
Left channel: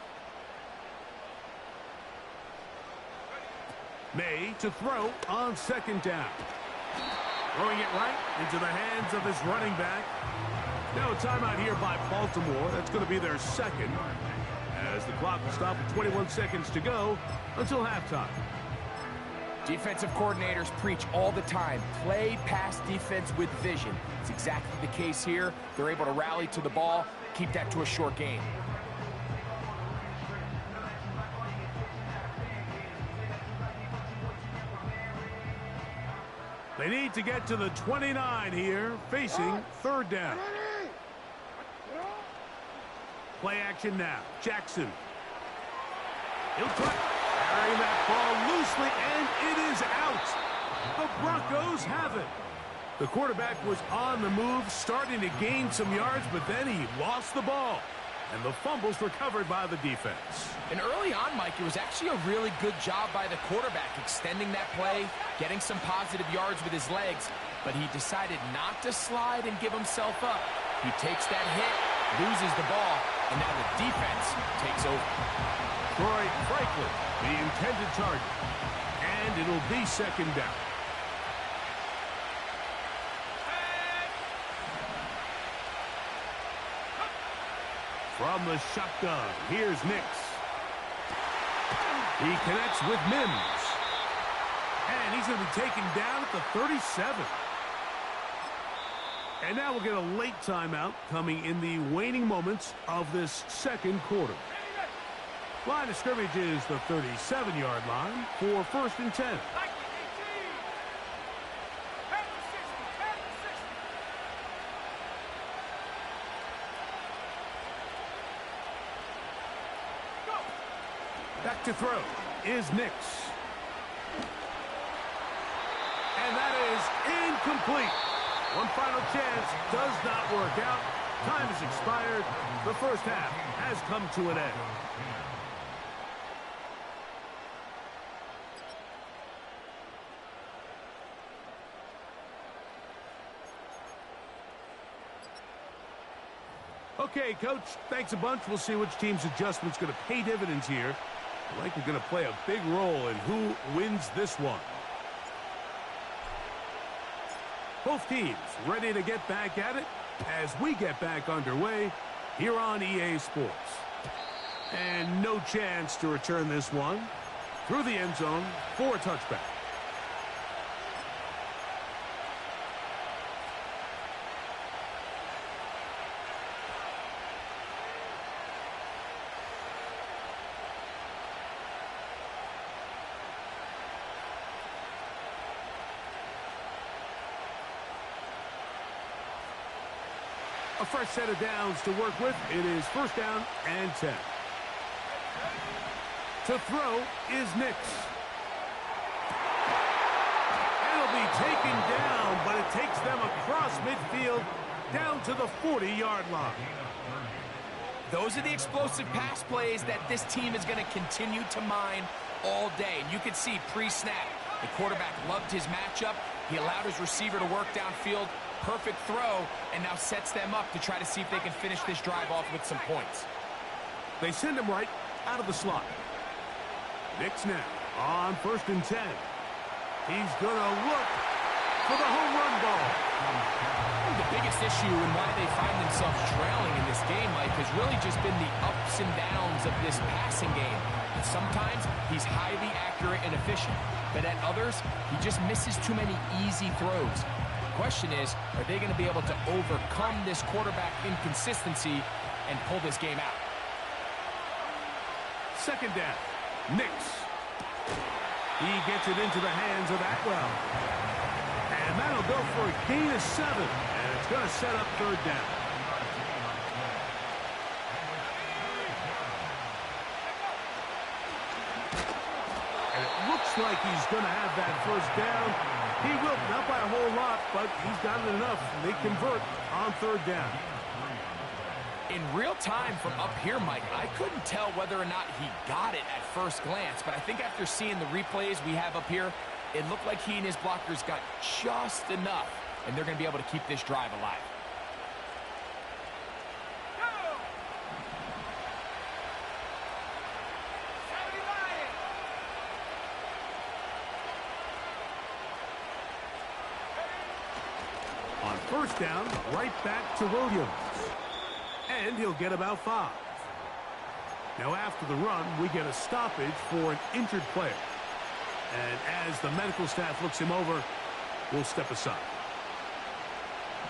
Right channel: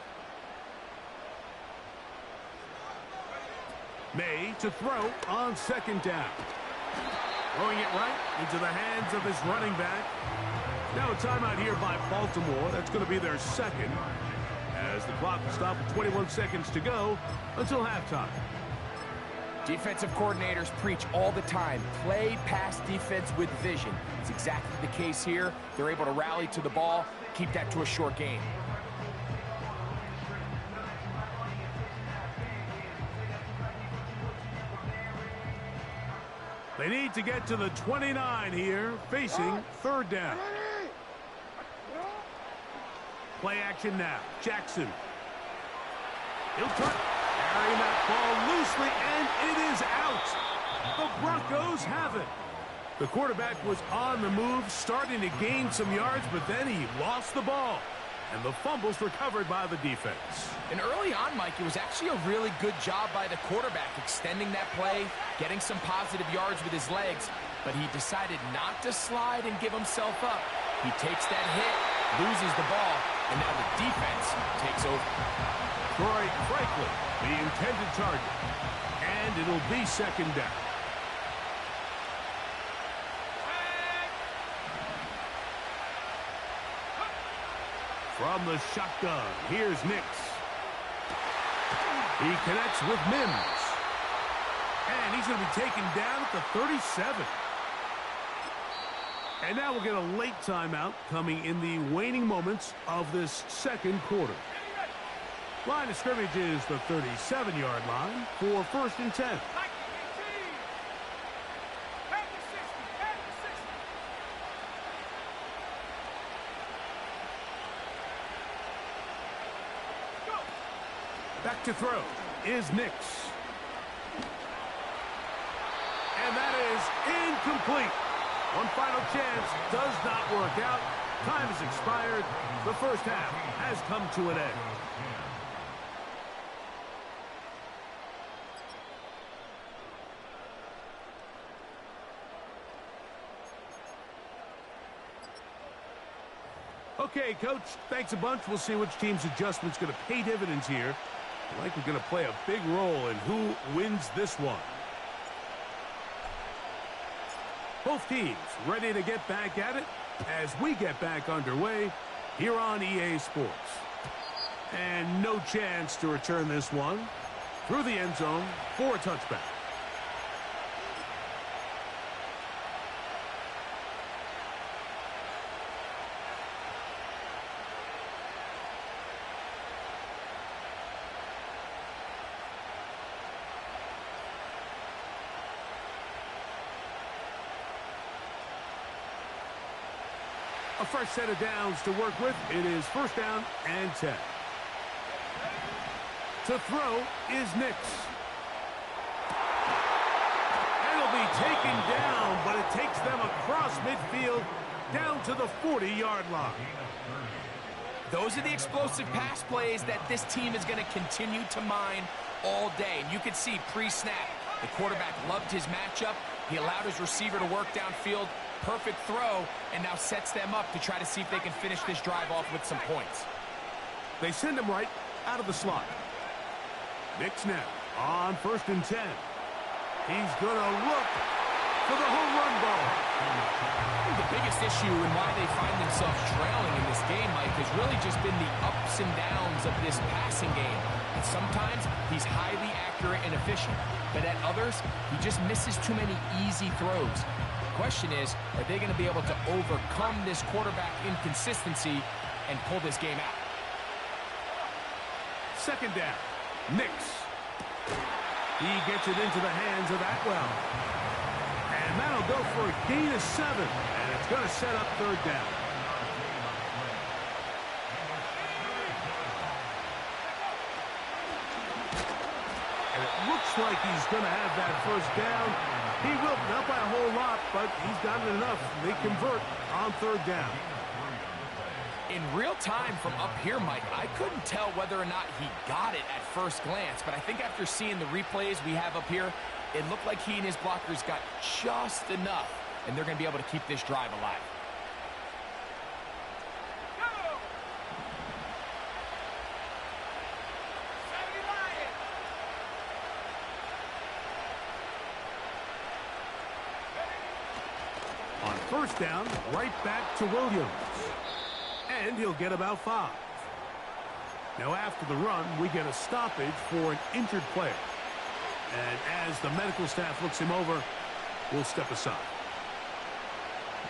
May to throw on second down. Throwing it right into the hands of his running back. Now a timeout here by Baltimore. That's going to be their second, as the clock will stop with 21 seconds to go until halftime. Defensive coordinators preach all the time, play pass defense with vision. It's exactly the case here. They're able to rally to the ball, keep that to a short game. They need to get to the 29 here, facing third down. Play action now. Jackson. He'll try carrying that ball loosely, and it is out. The Broncos have it. The quarterback was on the move, starting to gain some yards, but then he lost the ball. And the fumble's recovered by the defense. And early on, Mike, it was actually a really good job by the quarterback, extending that play, getting some positive yards with his legs, but he decided not to slide and give himself up. He takes that hit, loses the ball, and now the defense takes over. Troy Franklin, the intended target, and it'll be second down. From the shotgun, here's Nix. He connects with Mims. And he's going to be taken down at the 37. And now we'll get a late timeout coming in the waning moments of this second quarter. Line of scrimmage is the 37-yard line for 1st and 10. Back to throw is Nix. And that is incomplete. One final chance does not work out. Time has expired. The first half has come to an end. Okay, Coach, thanks a bunch. We'll see which team's adjustment's going to pay dividends here. I think we're going to play a big role in who wins this one. Both teams ready to get back at it as we get back underway here on EA Sports. And no chance to return this one through the end zone for a touchback. A fresh set of downs to work with. It is 1st down and 10. To throw is Nix. And it'll be taken down, but it takes them across midfield down to the 40-yard line. Those are the explosive pass plays that this team is going to continue to mine all day. And you can see pre-snap, the quarterback loved his matchup. He allowed his receiver to work downfield. Perfect throw, and now sets them up to try to see if they can finish this drive off with some points. They send him right out of the slot. Nix now on 1st and 10. He's going to look for the home run ball. The biggest issue and why they find themselves trailing in this game, Mike, has really just been the ups and downs of this passing game. And sometimes he's highly accurate and efficient, but at others, he just misses too many easy throws. The question is, are they going to be able to overcome this quarterback inconsistency and pull this game out? Second down, Nix. He gets it into the hands of Atwell. And that'll go for a gain of 7. And it's going to set up 3rd down. And it looks like he's going to have that 1st down. He will, not by a whole lot, but he's got it enough. They convert on 3rd down. In real time from up here, Mike, I couldn't tell whether or not he got it at first glance, but I think after seeing the replays we have up here, it looked like he and his blockers got just enough, and they're going to be able to keep this drive alive. first down, right back to Williams. And he'll get about 5. Now after the run, we get a stoppage for an injured player. And as the medical staff looks him over, we'll step aside.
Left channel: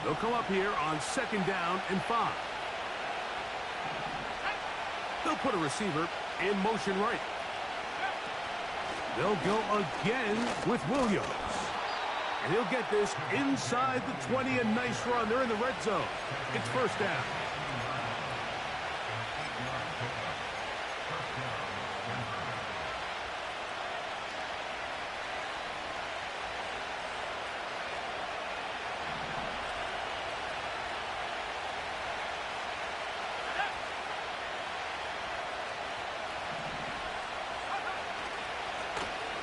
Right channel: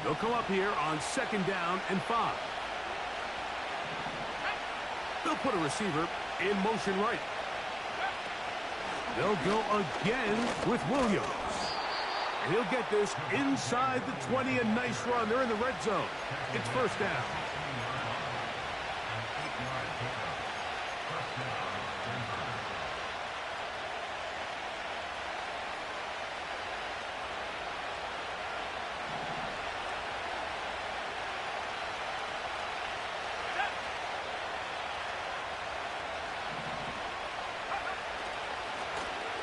They'll come up here on 2nd down and 5. They'll put a receiver in motion right. They'll go again with Williams. And he'll get this inside the 20. A nice run. They're in the red zone. It's first down.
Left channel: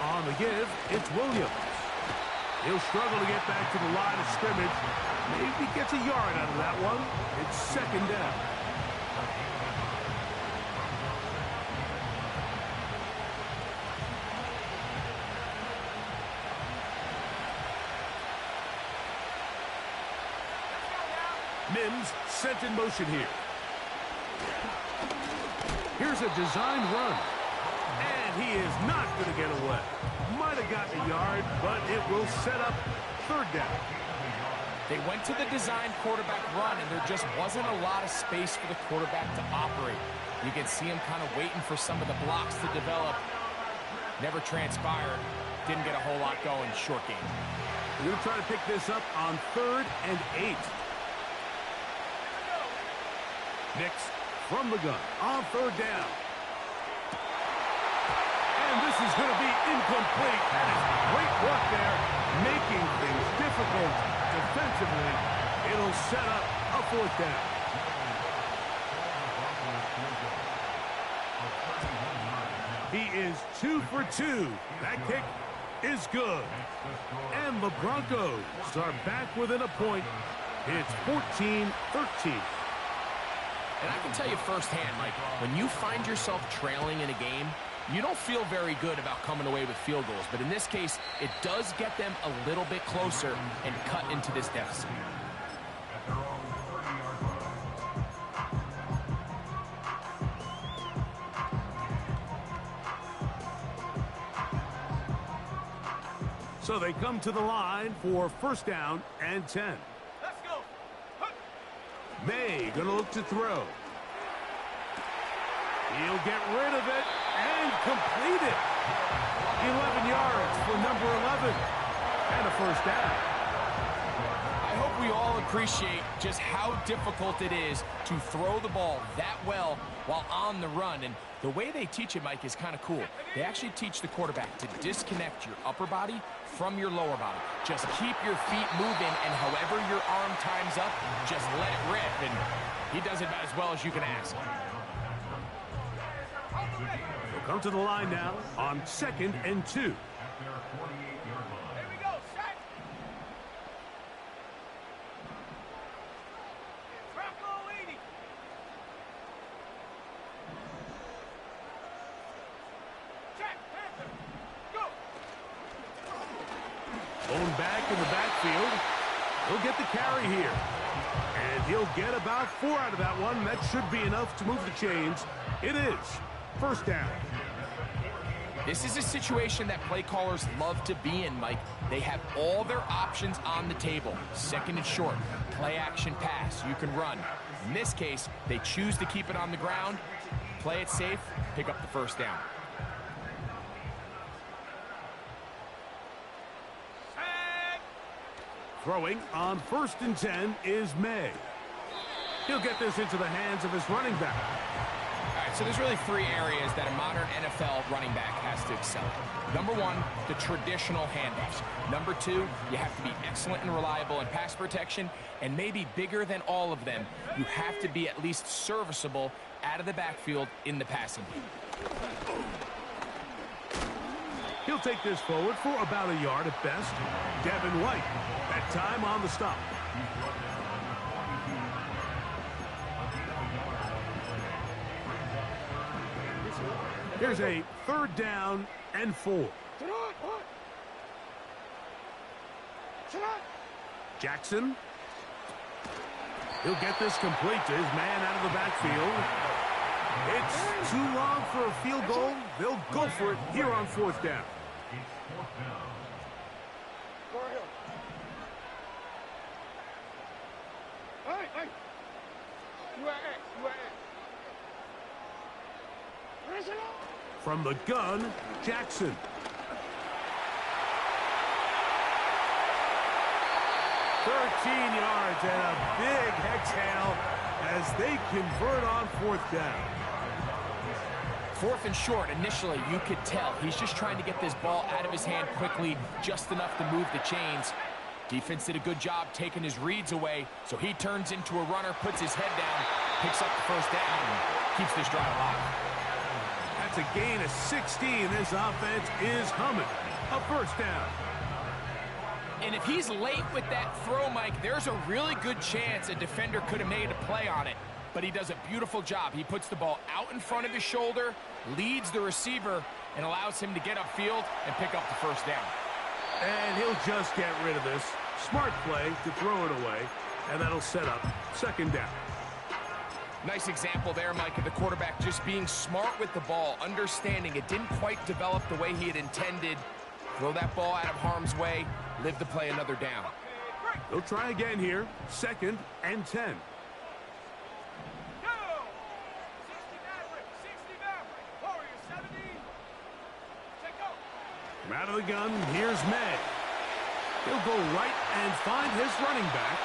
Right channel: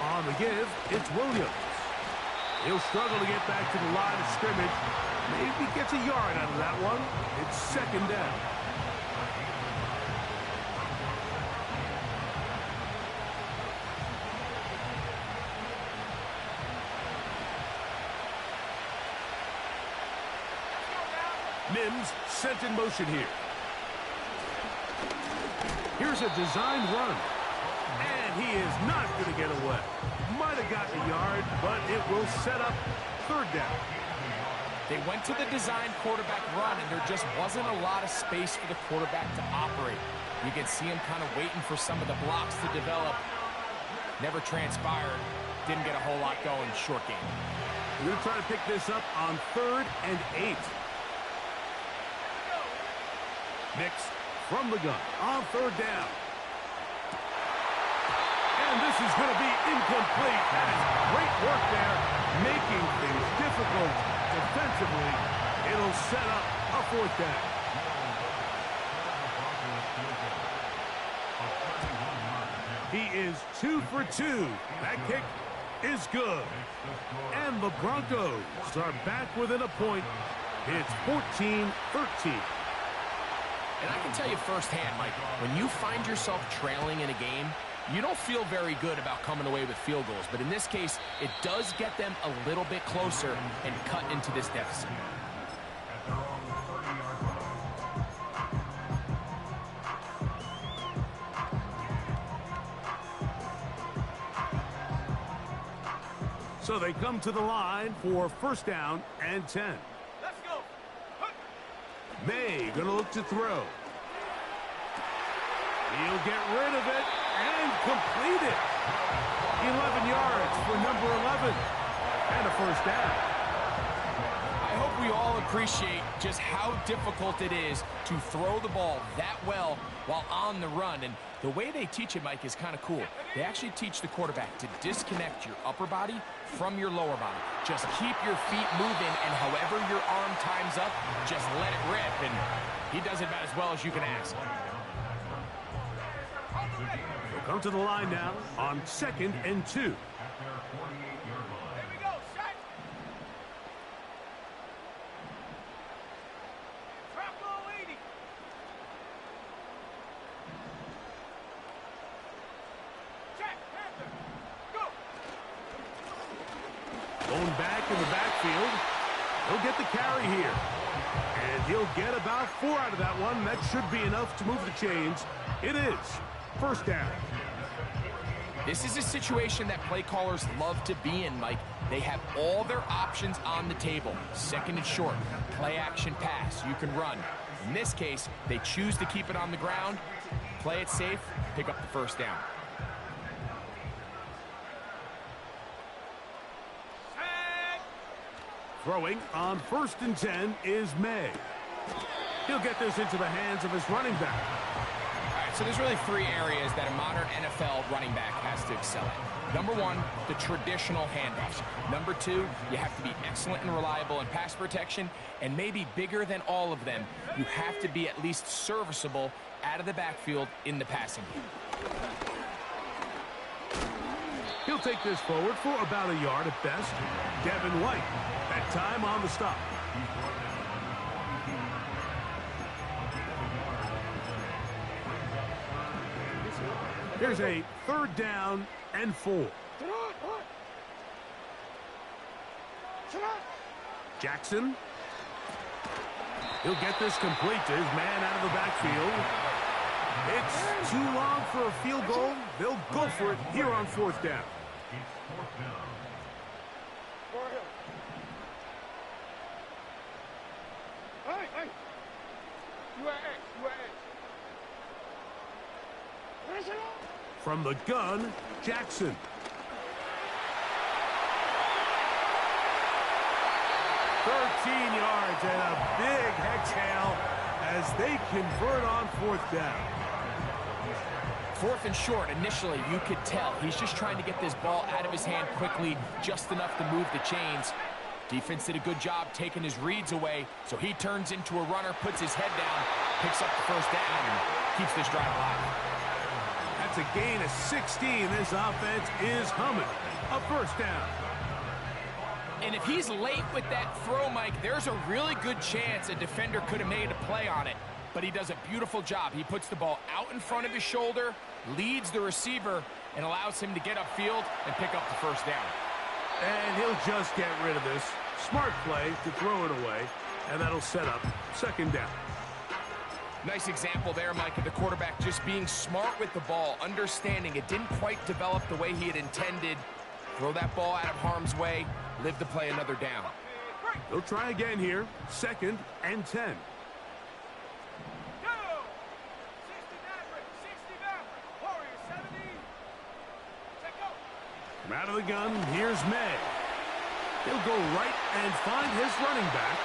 On the give, it's Williams. He'll struggle to get back to the line of scrimmage. Maybe gets a yard out of that one. It's 2nd down. Mims sent in motion here. Here's a designed run. And he is not going to get away. Might have gotten a yard, but it will set up 3rd down. They went to the designed quarterback run, and there just wasn't a lot of space for the quarterback to operate. You can see him kind of waiting for some of the blocks to develop. Never transpired. Didn't get a whole lot going. Short game. We're going to try to pick this up on 3rd and 8. Nix from the gun on 3rd down. And this is going to be incomplete. That is great work there, making things difficult defensively. It'll set up a 4th down. He is 2 for 2. That kick is good. And the Broncos are back within a point. It's 14-13. And I can tell you firsthand, Mike, when you find yourself trailing in a game, you don't feel very good about coming away with field goals. But in this case, it does get them a little bit closer and cut into this deficit. So they come to the line for 1st down and 10. Let's go. May going to look to throw. He'll get rid of it and complete it. 11 yards for number 11. And a 1st down. I hope we all appreciate just how difficult it is to throw the ball that well while on the run. And the way they teach it, Mike, is kind of cool. They actually teach the quarterback to disconnect your upper body from your lower body. Just keep your feet moving, and however your arm times up, just let it rip. And he does it about as well as you can ask. They'll come to the line now on 2nd and 2. Here we go. Set. Bronco 80. Check. Panther. Go. Going back in the backfield. He'll get the carry here. And he'll get about 4 out of that one. That should be enough to move the chains. It is 1st down. This is a situation that play callers love to be in, Mike. They have all their options on the table. 2nd and short, play action pass, you can run. In this case, they choose to keep it on the ground, play it safe, pick up the 1st down. Set. Throwing on 1st and 10 is May. He'll get this into the hands of his running back. All right, so there's really 3 areas that a modern NFL running back has to excel at. Number 1, the traditional handoffs. Number 2, you have to be excellent and reliable in pass protection. And maybe bigger than all of them, you have to be at least serviceable out of the backfield in the passing game. He'll take this forward for about a yard at best. Devin White, that time on the stop. Here's a 3rd down and 4. Jackson He'll get this complete to his man out of the backfield. It's too long for a field goal. They'll go for it here on fourth down. Hey. You are X. From the gun, Jackson. "13 yards and a big exhale as they convert on fourth down." Fourth and short, initially, you could tell he's just trying to get this ball out of his hand quickly, just enough to move the chains. Defense did a good job taking his reads away, so he turns into a runner, puts his head down, picks up the first down, and keeps this drive alive. That's a gain of 16. This offense is humming. A first down. And if he's late with that throw, Mike, there's a really good chance a defender could have made a play on it. But he does a beautiful job. He puts the ball out in front of his shoulder, leads the receiver, and allows him to get upfield and pick up the first down. And he'll just get rid of this. Smart play to throw it away, and that'll set up second down. Nice example there, Mike, of the quarterback just being smart with the ball, understanding it didn't quite develop the way he had intended. Throw that ball out of harm's way, live to play another down. They'll try again here. 2nd and 10. Go! 60 Maverick. Warriors 70. Take go. From out of the gun, here's May. He'll go right and find his running back.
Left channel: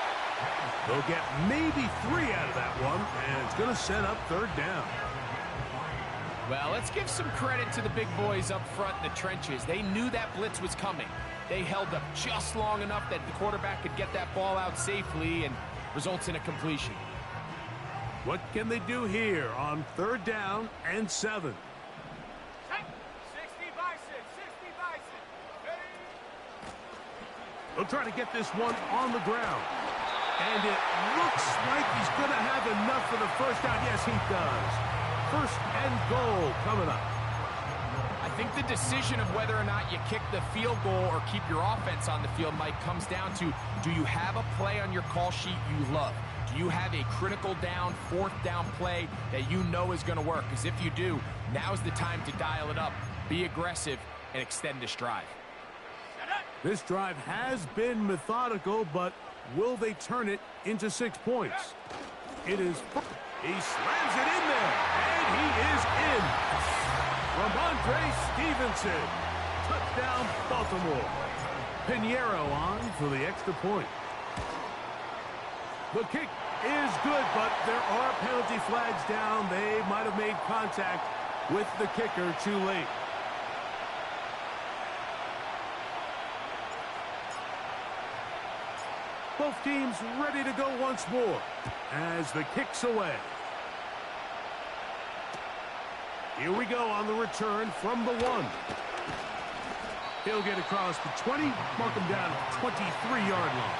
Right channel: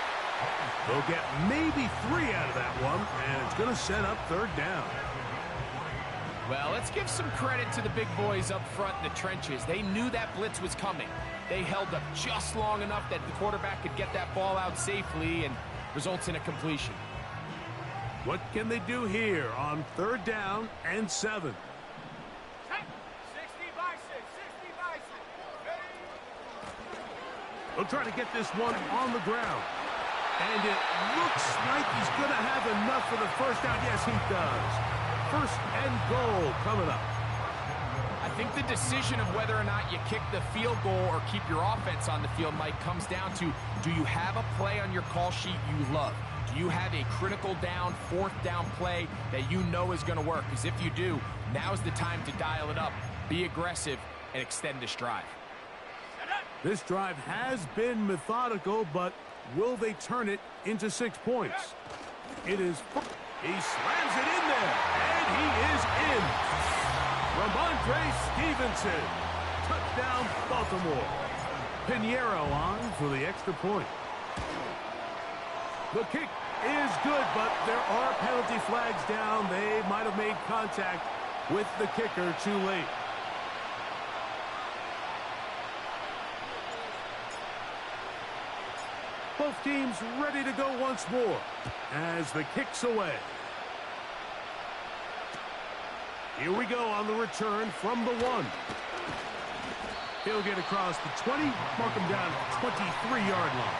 They'll get maybe 3 out of that one, and it's going to set up third down. Well, let's give some credit to the big boys up front in the trenches. They knew that blitz was coming. They held up just long enough that the quarterback could get that ball out safely and results in a completion. What can they do here on third down and 7? 60 Bison. Ready? They'll try to get this one on the ground. And it looks like he's going to have enough for the first down. Yes, he does. 1st and goal coming up. I think the decision of whether or not you kick the field goal or keep your offense on the field, Mike, comes down to, do you have a play on your call sheet you love? Do you have a critical down, 4th down play that you know is going to work? Because if you do, now's the time to dial it up, be aggressive, and extend this drive. This drive has been methodical, but will they turn it into 6 points? It is. He slams it in there, and he is in. Ramondre Stevenson. Touchdown, Baltimore. Pinheiro on for the extra point. The kick is good, but there are penalty flags down. They might have made contact with the kicker too late. Both teams ready to go once more as the kick's away. Here we go on the return from the 1. He'll get across the 20, mark him down at the 23-yard line.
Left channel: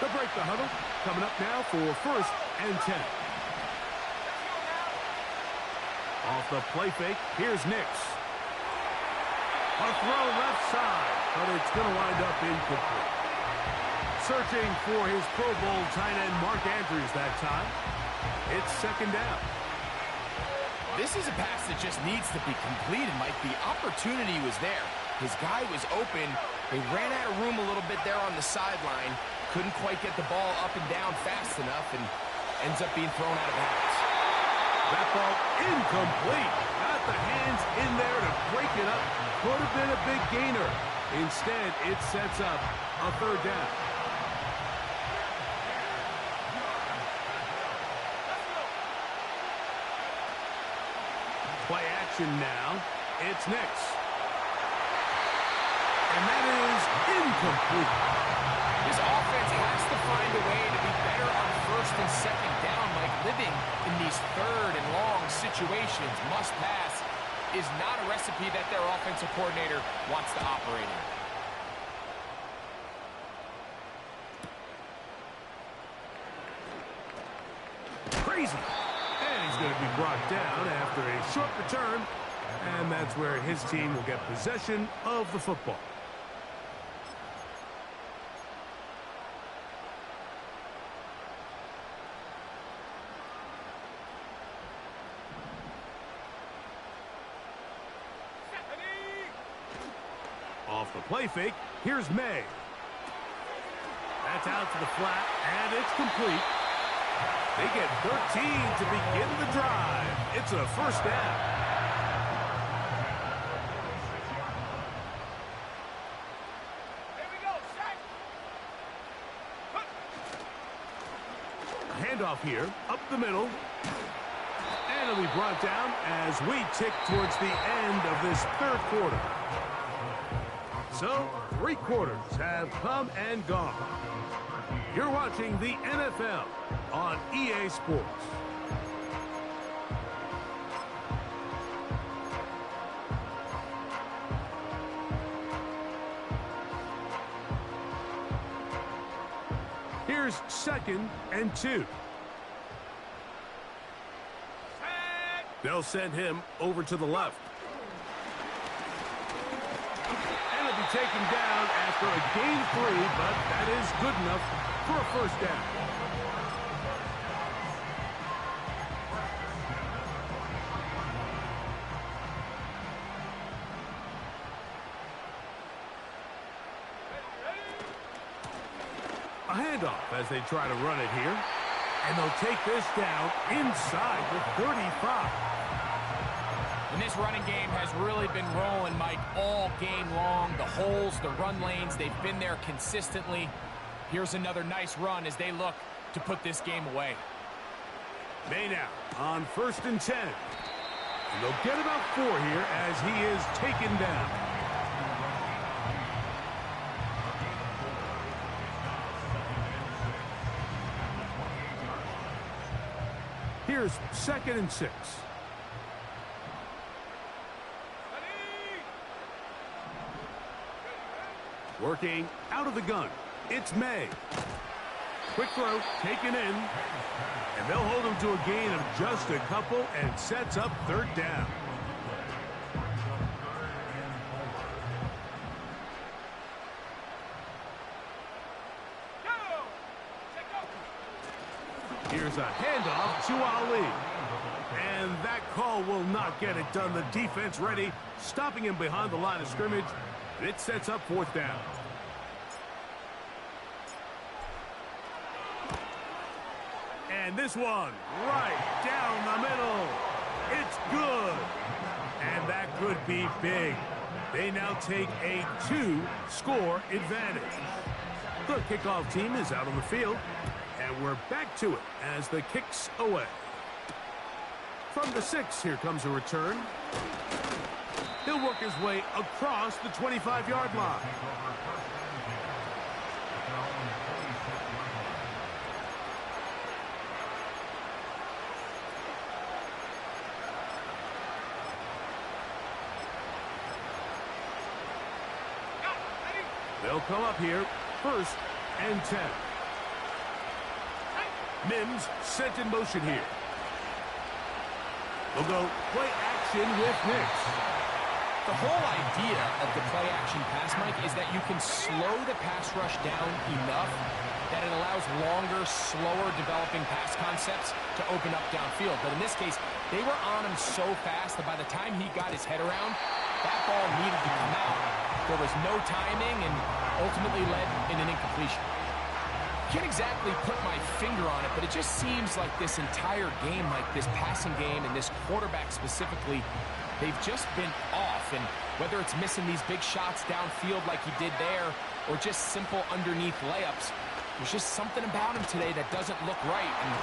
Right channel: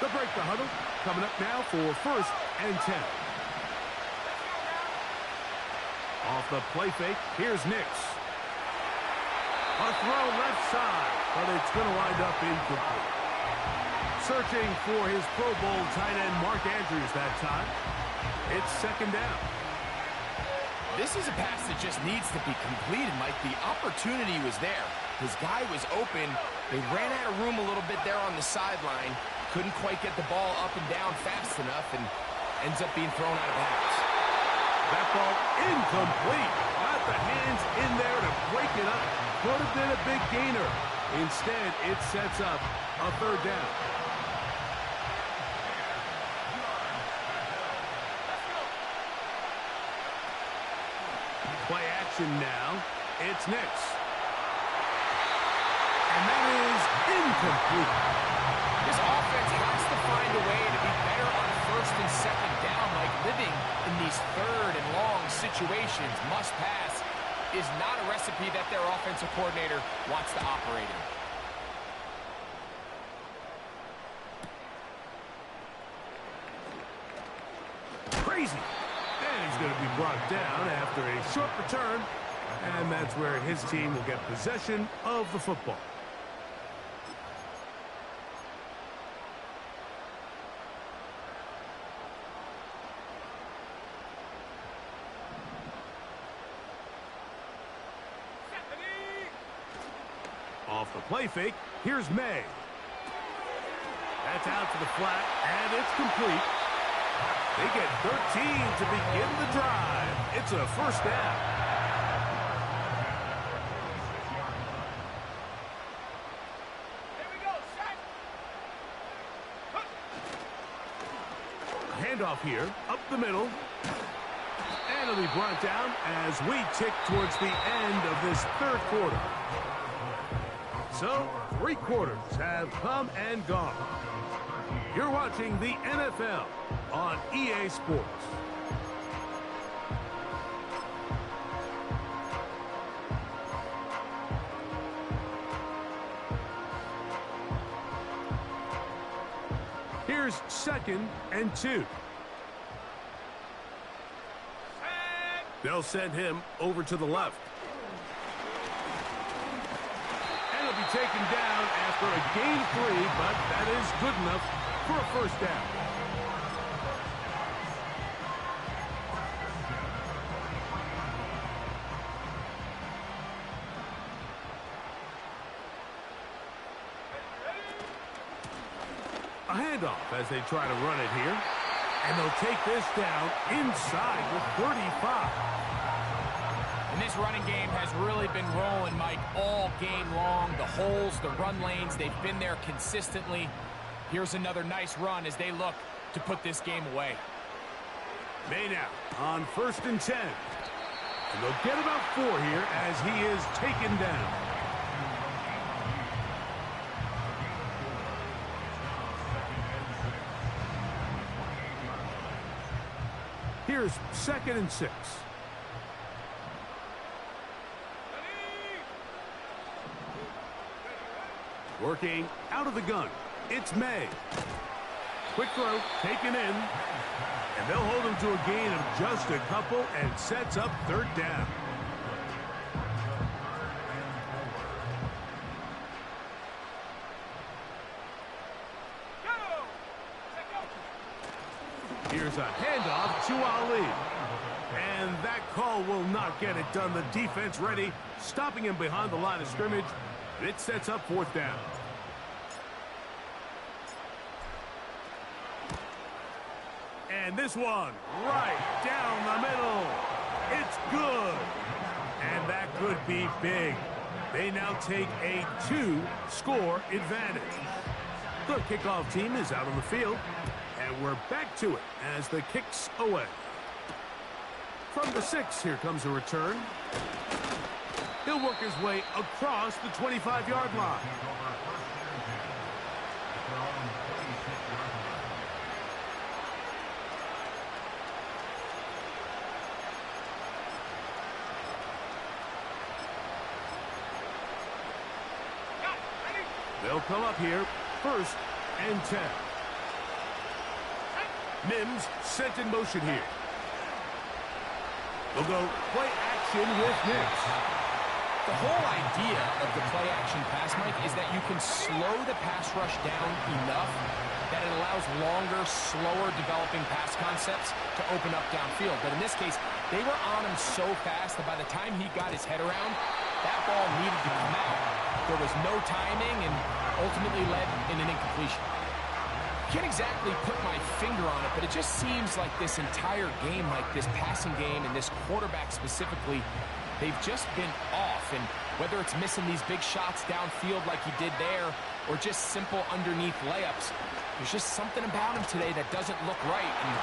They'll break the huddle. Coming up now for 1st and 10. Off the play fake, here's Nix. A throw left side, but it's going to wind up incomplete. Searching for his Pro Bowl tight end Mark Andrews that time. It's 2nd down. This is a pass that just needs to be completed, Mike. The opportunity was there. His guy was open. They ran out of room a little bit there on the sideline. Couldn't quite get the ball up and down fast enough, and ends up being thrown out of bounds. That ball incomplete. Got the hands in there to break it up. Could have been a big gainer. Instead, it sets up a 3rd down. Play action now. It's Nix. And that is incomplete. This offense has to find a way to be better on 1st and 2nd down, Mike. Living in these 3rd and long situations, must pass, is not a recipe that their offensive coordinator wants to operate in. Crazy. And he's going to be brought down after a short return And that's where his team will get possession of the football. Off the play fake, here's May. That's out to the flat, and it's complete. They get 13 to begin the drive. It's a first down. Here we go, set. Handoff here, up the middle. And it'll be brought down as we tick towards the end of this third quarter. So, 3 quarters have come and gone. You're watching the NFL on EA Sports. Here's 2nd and 2. They'll send him over to the left. And he'll be taken down after a gain of 3, but that is good enough for a first down. A handoff as they try to run it here. And they'll take this down inside the 35. And this running game has really been rolling, Mike, all game long. The holes, the run lanes, they've been there consistently. Here's another nice run as they look to put this game away. May now on 1st and 10. And they'll get about 4 here as he is taken down. Here's 2nd and 6. Working out of the gun. It's May. Quick throw, taken in. And they'll hold him to a gain of just a couple and sets up 3rd down. Here's a handoff to Ali. And that call will not get it done. The defense ready, stopping him behind the line of scrimmage. It sets up 4th down. And this one right down the middle. It's good. And that could be big. They now take a 2-score advantage. The kickoff team is out on the field. And we're back to it as the kick's away. From the 6, here comes a return. He'll work his way across the 25-yard line. They'll come up here, 1st and 10. Mims sent in motion here. They'll go play action with Nix. The whole idea of the play-action pass, Mike, is that you can slow the pass rush down enough that it allows longer, slower developing pass concepts to open up downfield. But in this case, they were on him so fast that by the time he got his head around, that ball needed to come out. There was no timing and ultimately led in an incompletion. Can't exactly put my finger on it, but it just seems like this entire game, like this passing game and this quarterback specifically, they've just been off. And whether it's missing these big shots downfield like he did there or just simple underneath layups, there's just something about him today that doesn't look right. And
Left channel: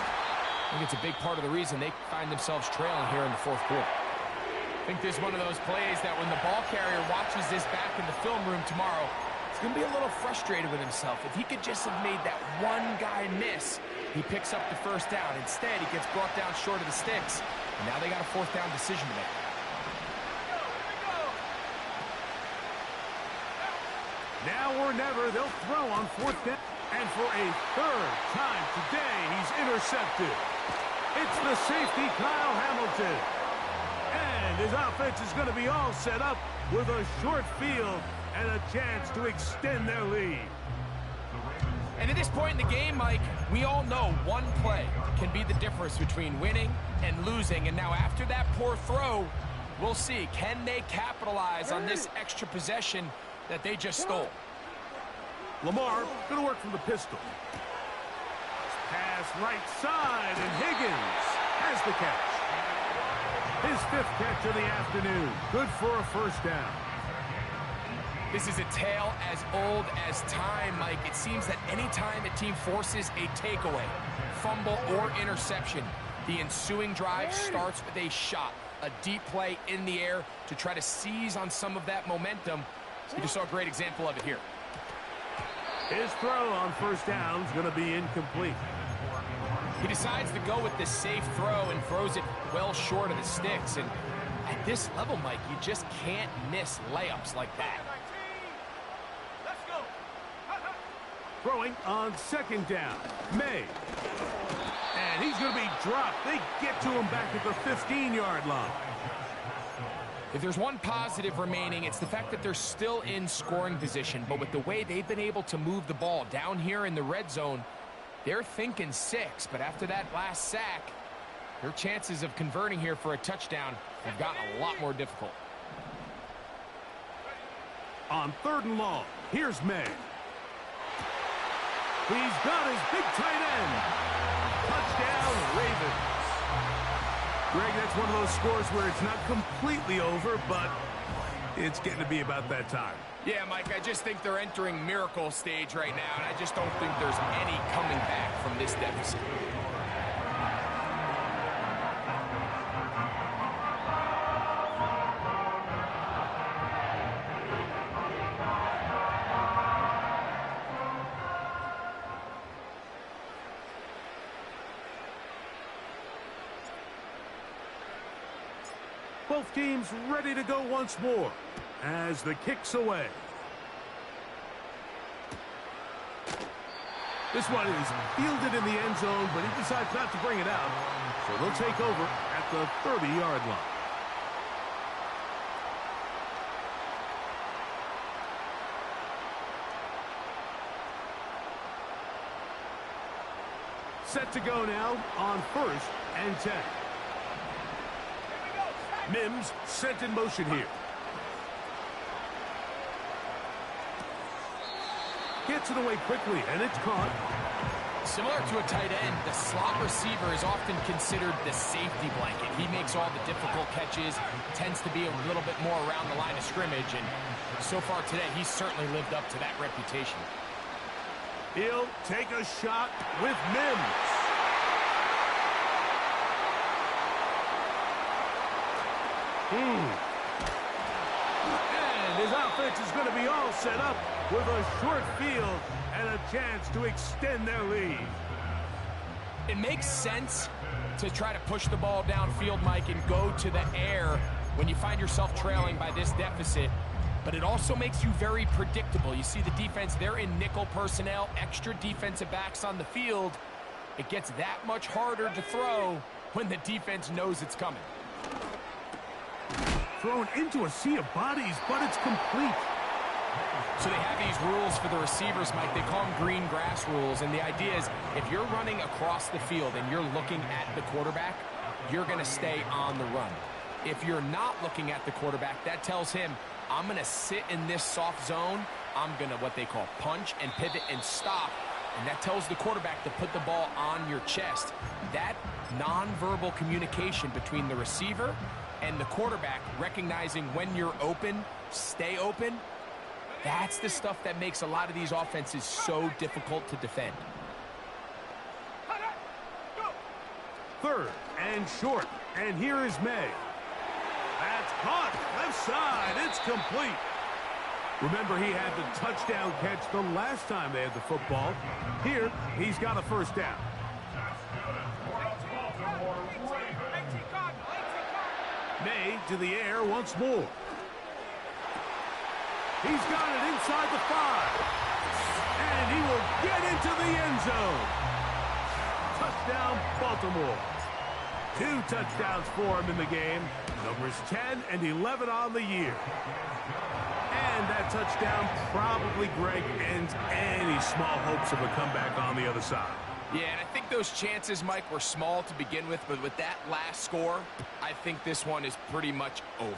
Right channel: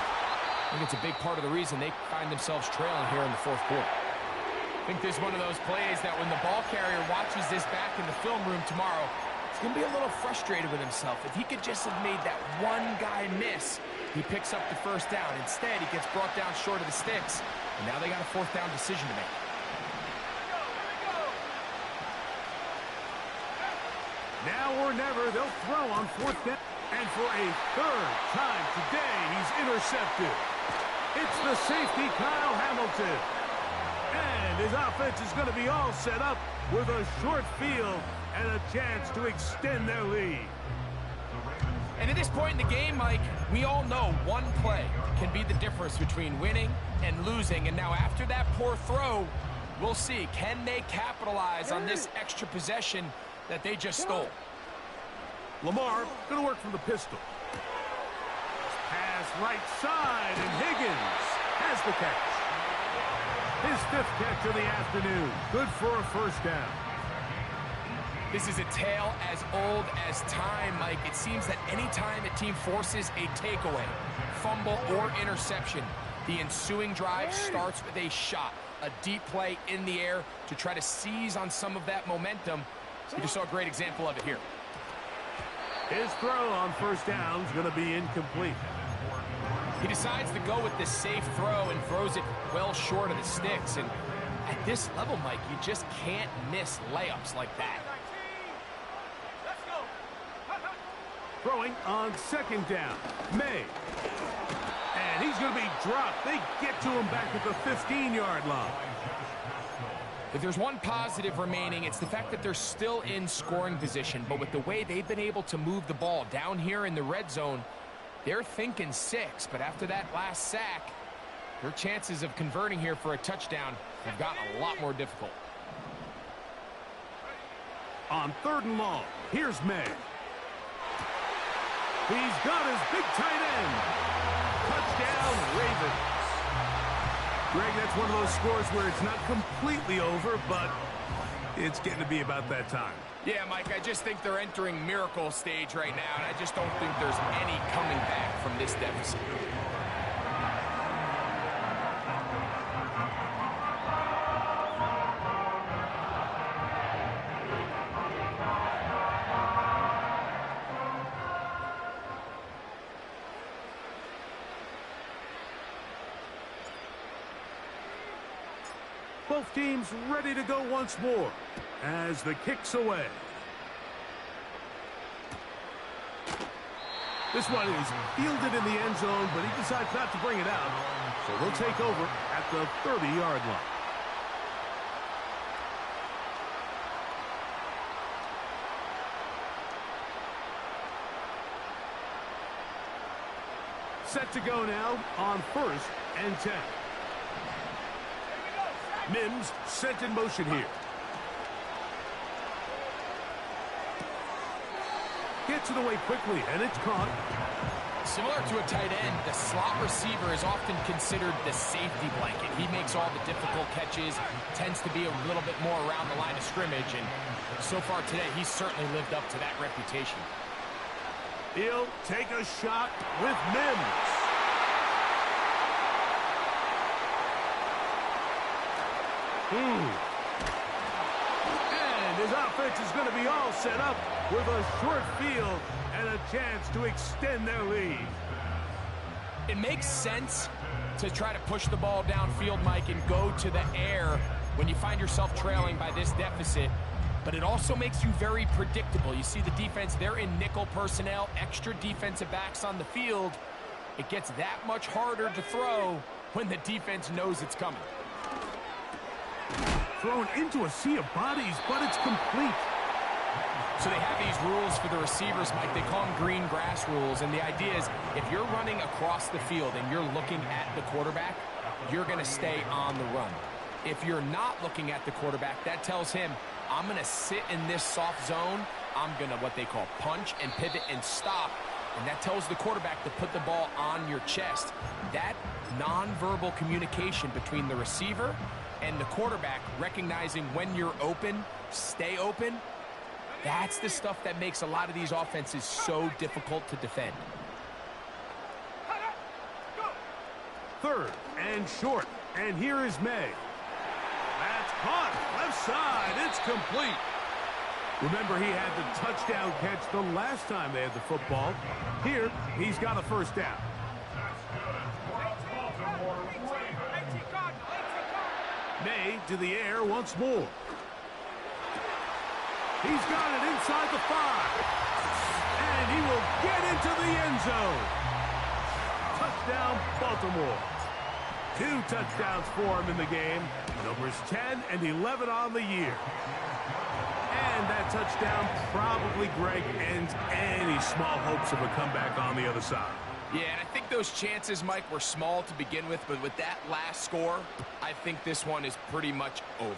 I think it's a big part of the reason they find themselves trailing here in the 4th quarter. I think this is one of those plays that when the ball carrier watches this back in the film room tomorrow, he's going to be a little frustrated with himself. If he could just have made that one guy miss, he picks up the 1st down. Instead, he gets brought down short of the sticks. And now they got a 4th down decision to make. Now or never, they'll throw on 4th down. And for a 3rd time today, he's intercepted. It's the safety, Kyle Hamilton. And his offense is going to be all set up with a short field and a chance to extend their lead. And at this point in the game, Mike, we all know one play can be the difference between winning and losing. And now after that poor throw, we'll see, can they capitalize on this extra possession that they just stole? Lamar going to work from the pistol. Pass right side, and Higgins has the catch. His 5th catch of the afternoon. Good for a first down. This is a tale as old as time, Mike. It seems that anytime a team forces a takeaway, fumble, or interception, the ensuing drive starts with a shot, a deep play in the air to try to seize on some of that momentum. We just saw a great example of it here. His throw on first down is going to be incomplete. He decides to go with the safe throw and throws it well short of the sticks. And at this level, Mike, you just can't miss layups like that. Let's go. Throwing on second down. May. And he's going to be dropped. They get to him back at the 15-yard line. If there's one positive remaining, it's the fact that they're still in scoring position. But with the way they've been able to move the ball down here in the red zone, they're thinking 6. But after that last sack, their chances of converting here for a touchdown have gotten a lot more difficult. On 3rd and long, here's May. He's got his big tight end. Touchdown, Ravens. Greg, that's one of those scores where it's not completely over, but it's getting to be about that time. Yeah, Mike, I just think they're entering miracle stage right now, and I just don't think there's any coming back from this deficit. Both teams ready to go once more as the kick's away. This one is fielded in the end zone, but he decides not to bring it out. So they'll take over at the 30-yard line. Set to go now on 1st and 10. Mims sent in motion here. Gets it away quickly, and it's caught. Similar to a tight end, the slot receiver is often considered the safety blanket. He makes all the difficult catches, tends to be a little bit more around the line of scrimmage, and so far today, he's certainly lived up to that reputation. He'll take a shot with Mims. And his offense is going to be all set up with a short field and a chance to extend their lead. It makes sense to try to push the ball downfield, Mike, and go to the air when you find yourself trailing by this deficit. But it also makes you very predictable. You see the defense, they're in nickel personnel, extra defensive backs on the field. It gets that much harder to throw when the defense knows it's coming. Thrown into a sea of bodies, but it's complete. So they have these rules for the receivers, Mike. They call them green grass rules. And the idea is if you're running across the field and you're looking at the quarterback, you're going to stay on the run. If you're not looking at the quarterback, that tells him, I'm going to sit in this soft zone. I'm going to what they call punch and pivot and stop. And that tells the quarterback to put the ball on your chest. That nonverbal communication between the receiver and the quarterback, recognizing when you're open, stay open, that's the stuff that makes a lot of these offenses so difficult to defend. 3rd and short, and here is May. That's caught, left side, it's complete. Remember, he had the touchdown catch the last time they had the football. Here, he's got a first down. May to the air once more. He's got it inside the 5. And he will get into the end zone. Touchdown, Baltimore. 2 touchdowns for him in the game. Numbers 10 and 11 on the year. And that touchdown probably, Greg, ends any small hopes of a comeback on the other side. Yeah, and I think those chances, Mike, were small to begin with, but with that last score, I think this one is pretty much over.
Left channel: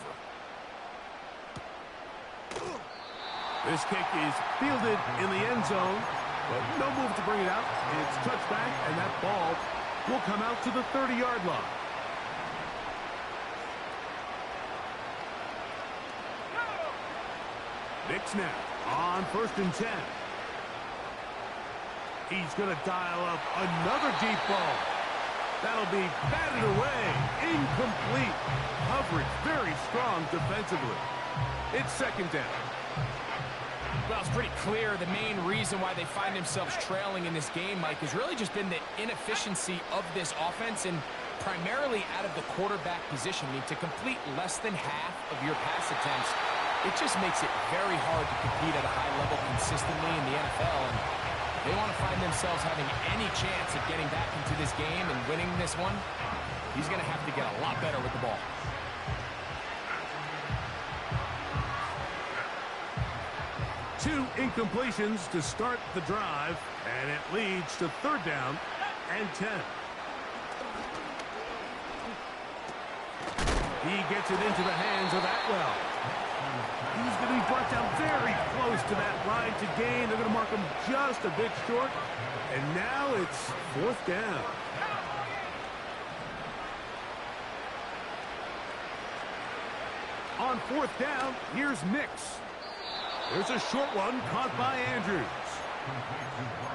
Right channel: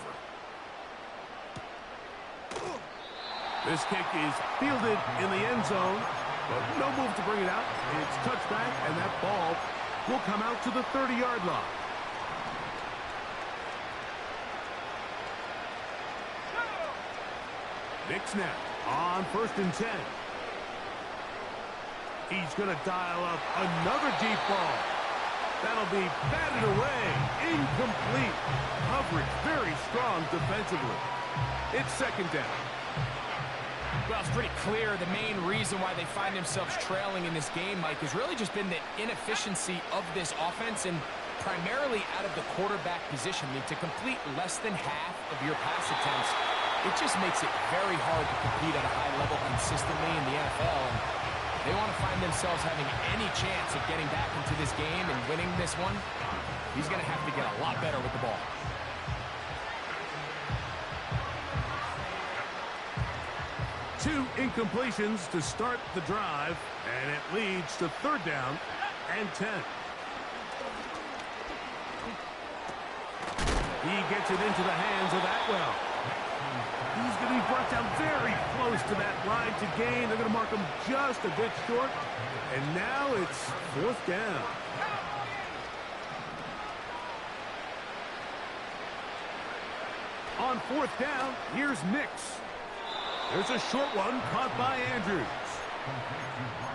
This kick is fielded in the end zone, but no move to bring it out. It's touchback, and that ball will come out to the 30-yard line. Nick now on 1st and 10. He's going to dial up another deep ball. That'll be batted away. Incomplete. Coverage very strong defensively. It's 2nd down. Well, it's pretty clear the main reason why they find themselves trailing in this game, Mike, has really just been the inefficiency of this offense and primarily out of the quarterback position. I mean, to complete less than half of your pass attempts, it just makes it very hard to compete at a high level consistently in the NFL. And they want to find themselves having any chance of getting back into this game and winning this one. He's going to have to get a lot better with the ball. Two incompletions to start the drive, and it leads to 3rd down and 10. He gets it into the hands of Atwell. He's going to be brought down very close to that line to gain. They're going to mark him just a bit short. And now it's 4th down. On 4th down, here's Nix. There's a short one caught by Andrews.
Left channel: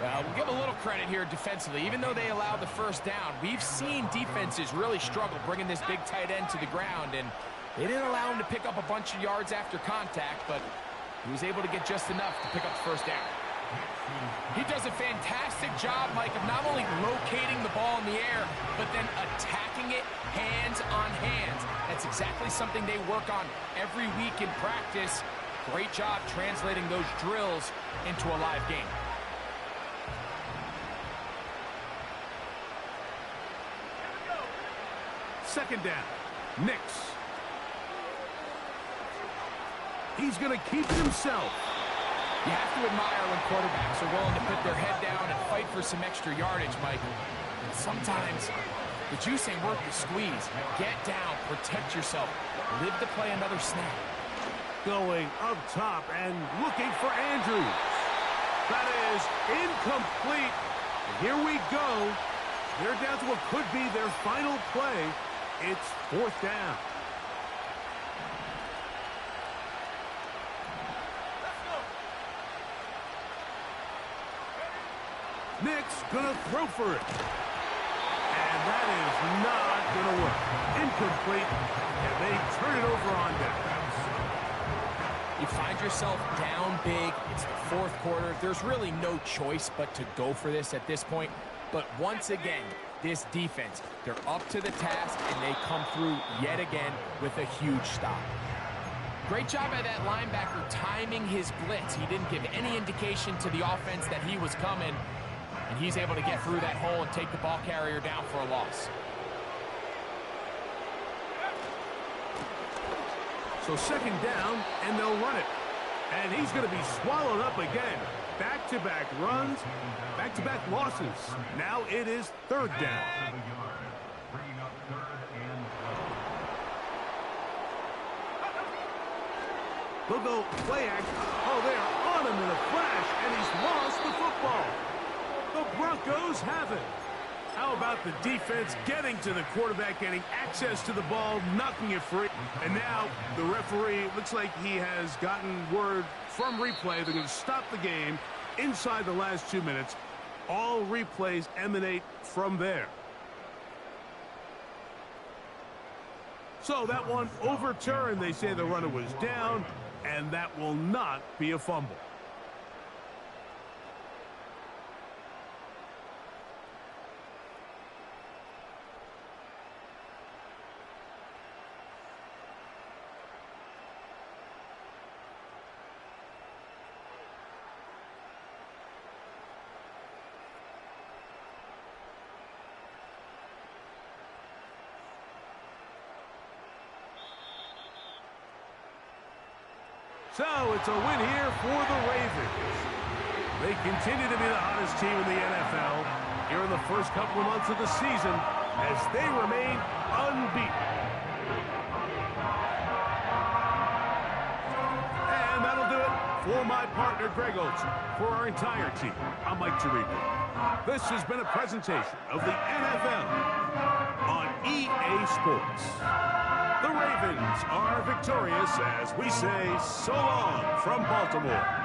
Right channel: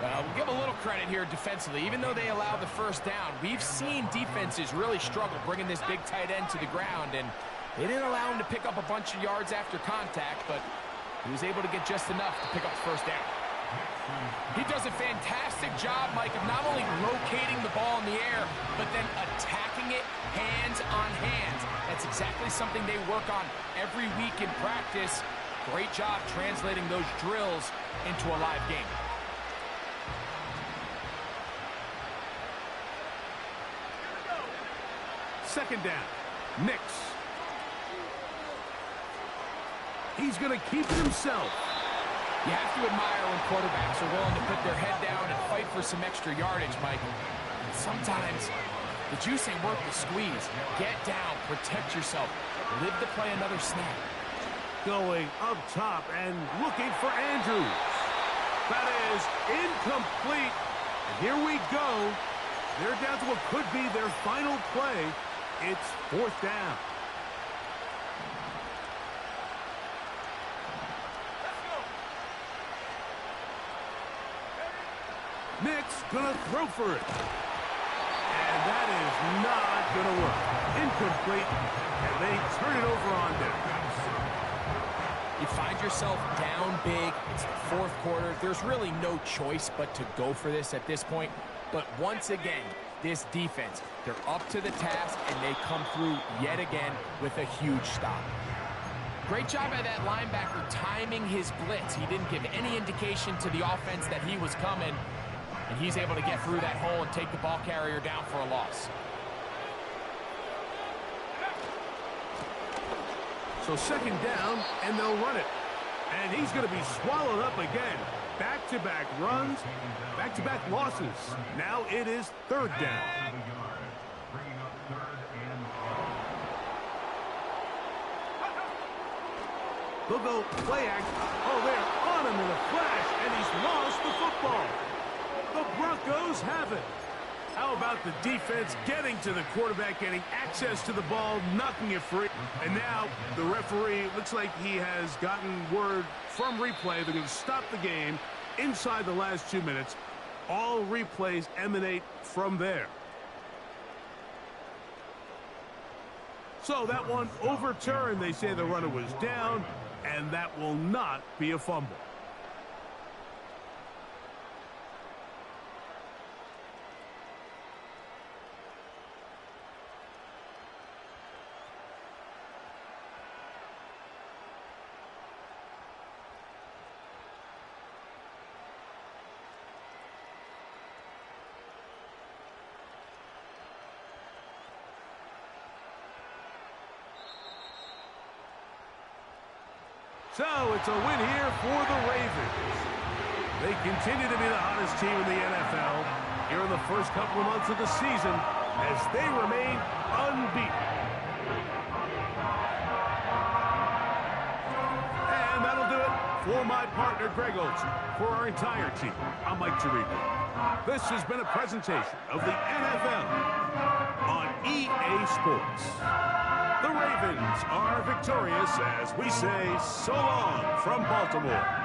We'll give a little credit here defensively. Even though they allowed the 1st down, we've seen defenses really struggle bringing this big tight end to the ground, and they didn't allow him to pick up a bunch of yards after contact, but he was able to get just enough to pick up the 1st down. He does a fantastic job, Mike, of not only locating the ball in the air, but then attacking it hands on hands. That's exactly something they work on every week in practice. Great job translating those drills into a live game. Second down. Nix. He's going to keep it himself. You have to admire when quarterbacks are willing to put their head down and fight for some extra yardage, Mike. And sometimes the juice ain't worth the squeeze. Get down, protect yourself, live to play another snap. Going up top and looking for Andrews. That is incomplete. And here we go. They're down to what could be their final play. It's 4th down. Let's go. Nick's gonna throw for it. And that is not gonna work. Incomplete. And they turn it over on down. You find yourself down big. It's the 4th quarter. There's really no choice but to go for this at this point. But once again, this defense, they're up to the task, and they come through yet again with a huge stop. Great job by that linebacker timing his blitz. He didn't give any indication to the offense that he was coming, and he's able to get through that hole and take the ball carrier down for a loss. So 2nd down, and they'll run it. And he's going to be swallowed up again. Back-to-back runs, back-to-back losses. Now it is 3rd down. They'll go play act. Oh, they're on him in a flash, and he's lost the football. The Broncos have it. How about the defense getting to the quarterback, getting access to the ball, knocking it free? And now the referee, looks like he has gotten word from replay. They're going to stop the game inside the last 2 minutes. All replays emanate from there. So that one overturned. They say the runner was down, and that will not be a fumble. So it's a win here for the Ravens. They continue to be the hottest team in the NFL here in the first couple of months of the season as they remain unbeaten. And that'll do it for my partner, Greg Olson. For our entire team, I'm Mike Tirico. This has been a presentation of the NFL on EA Sports. The Ravens are victorious as we say so long from Baltimore.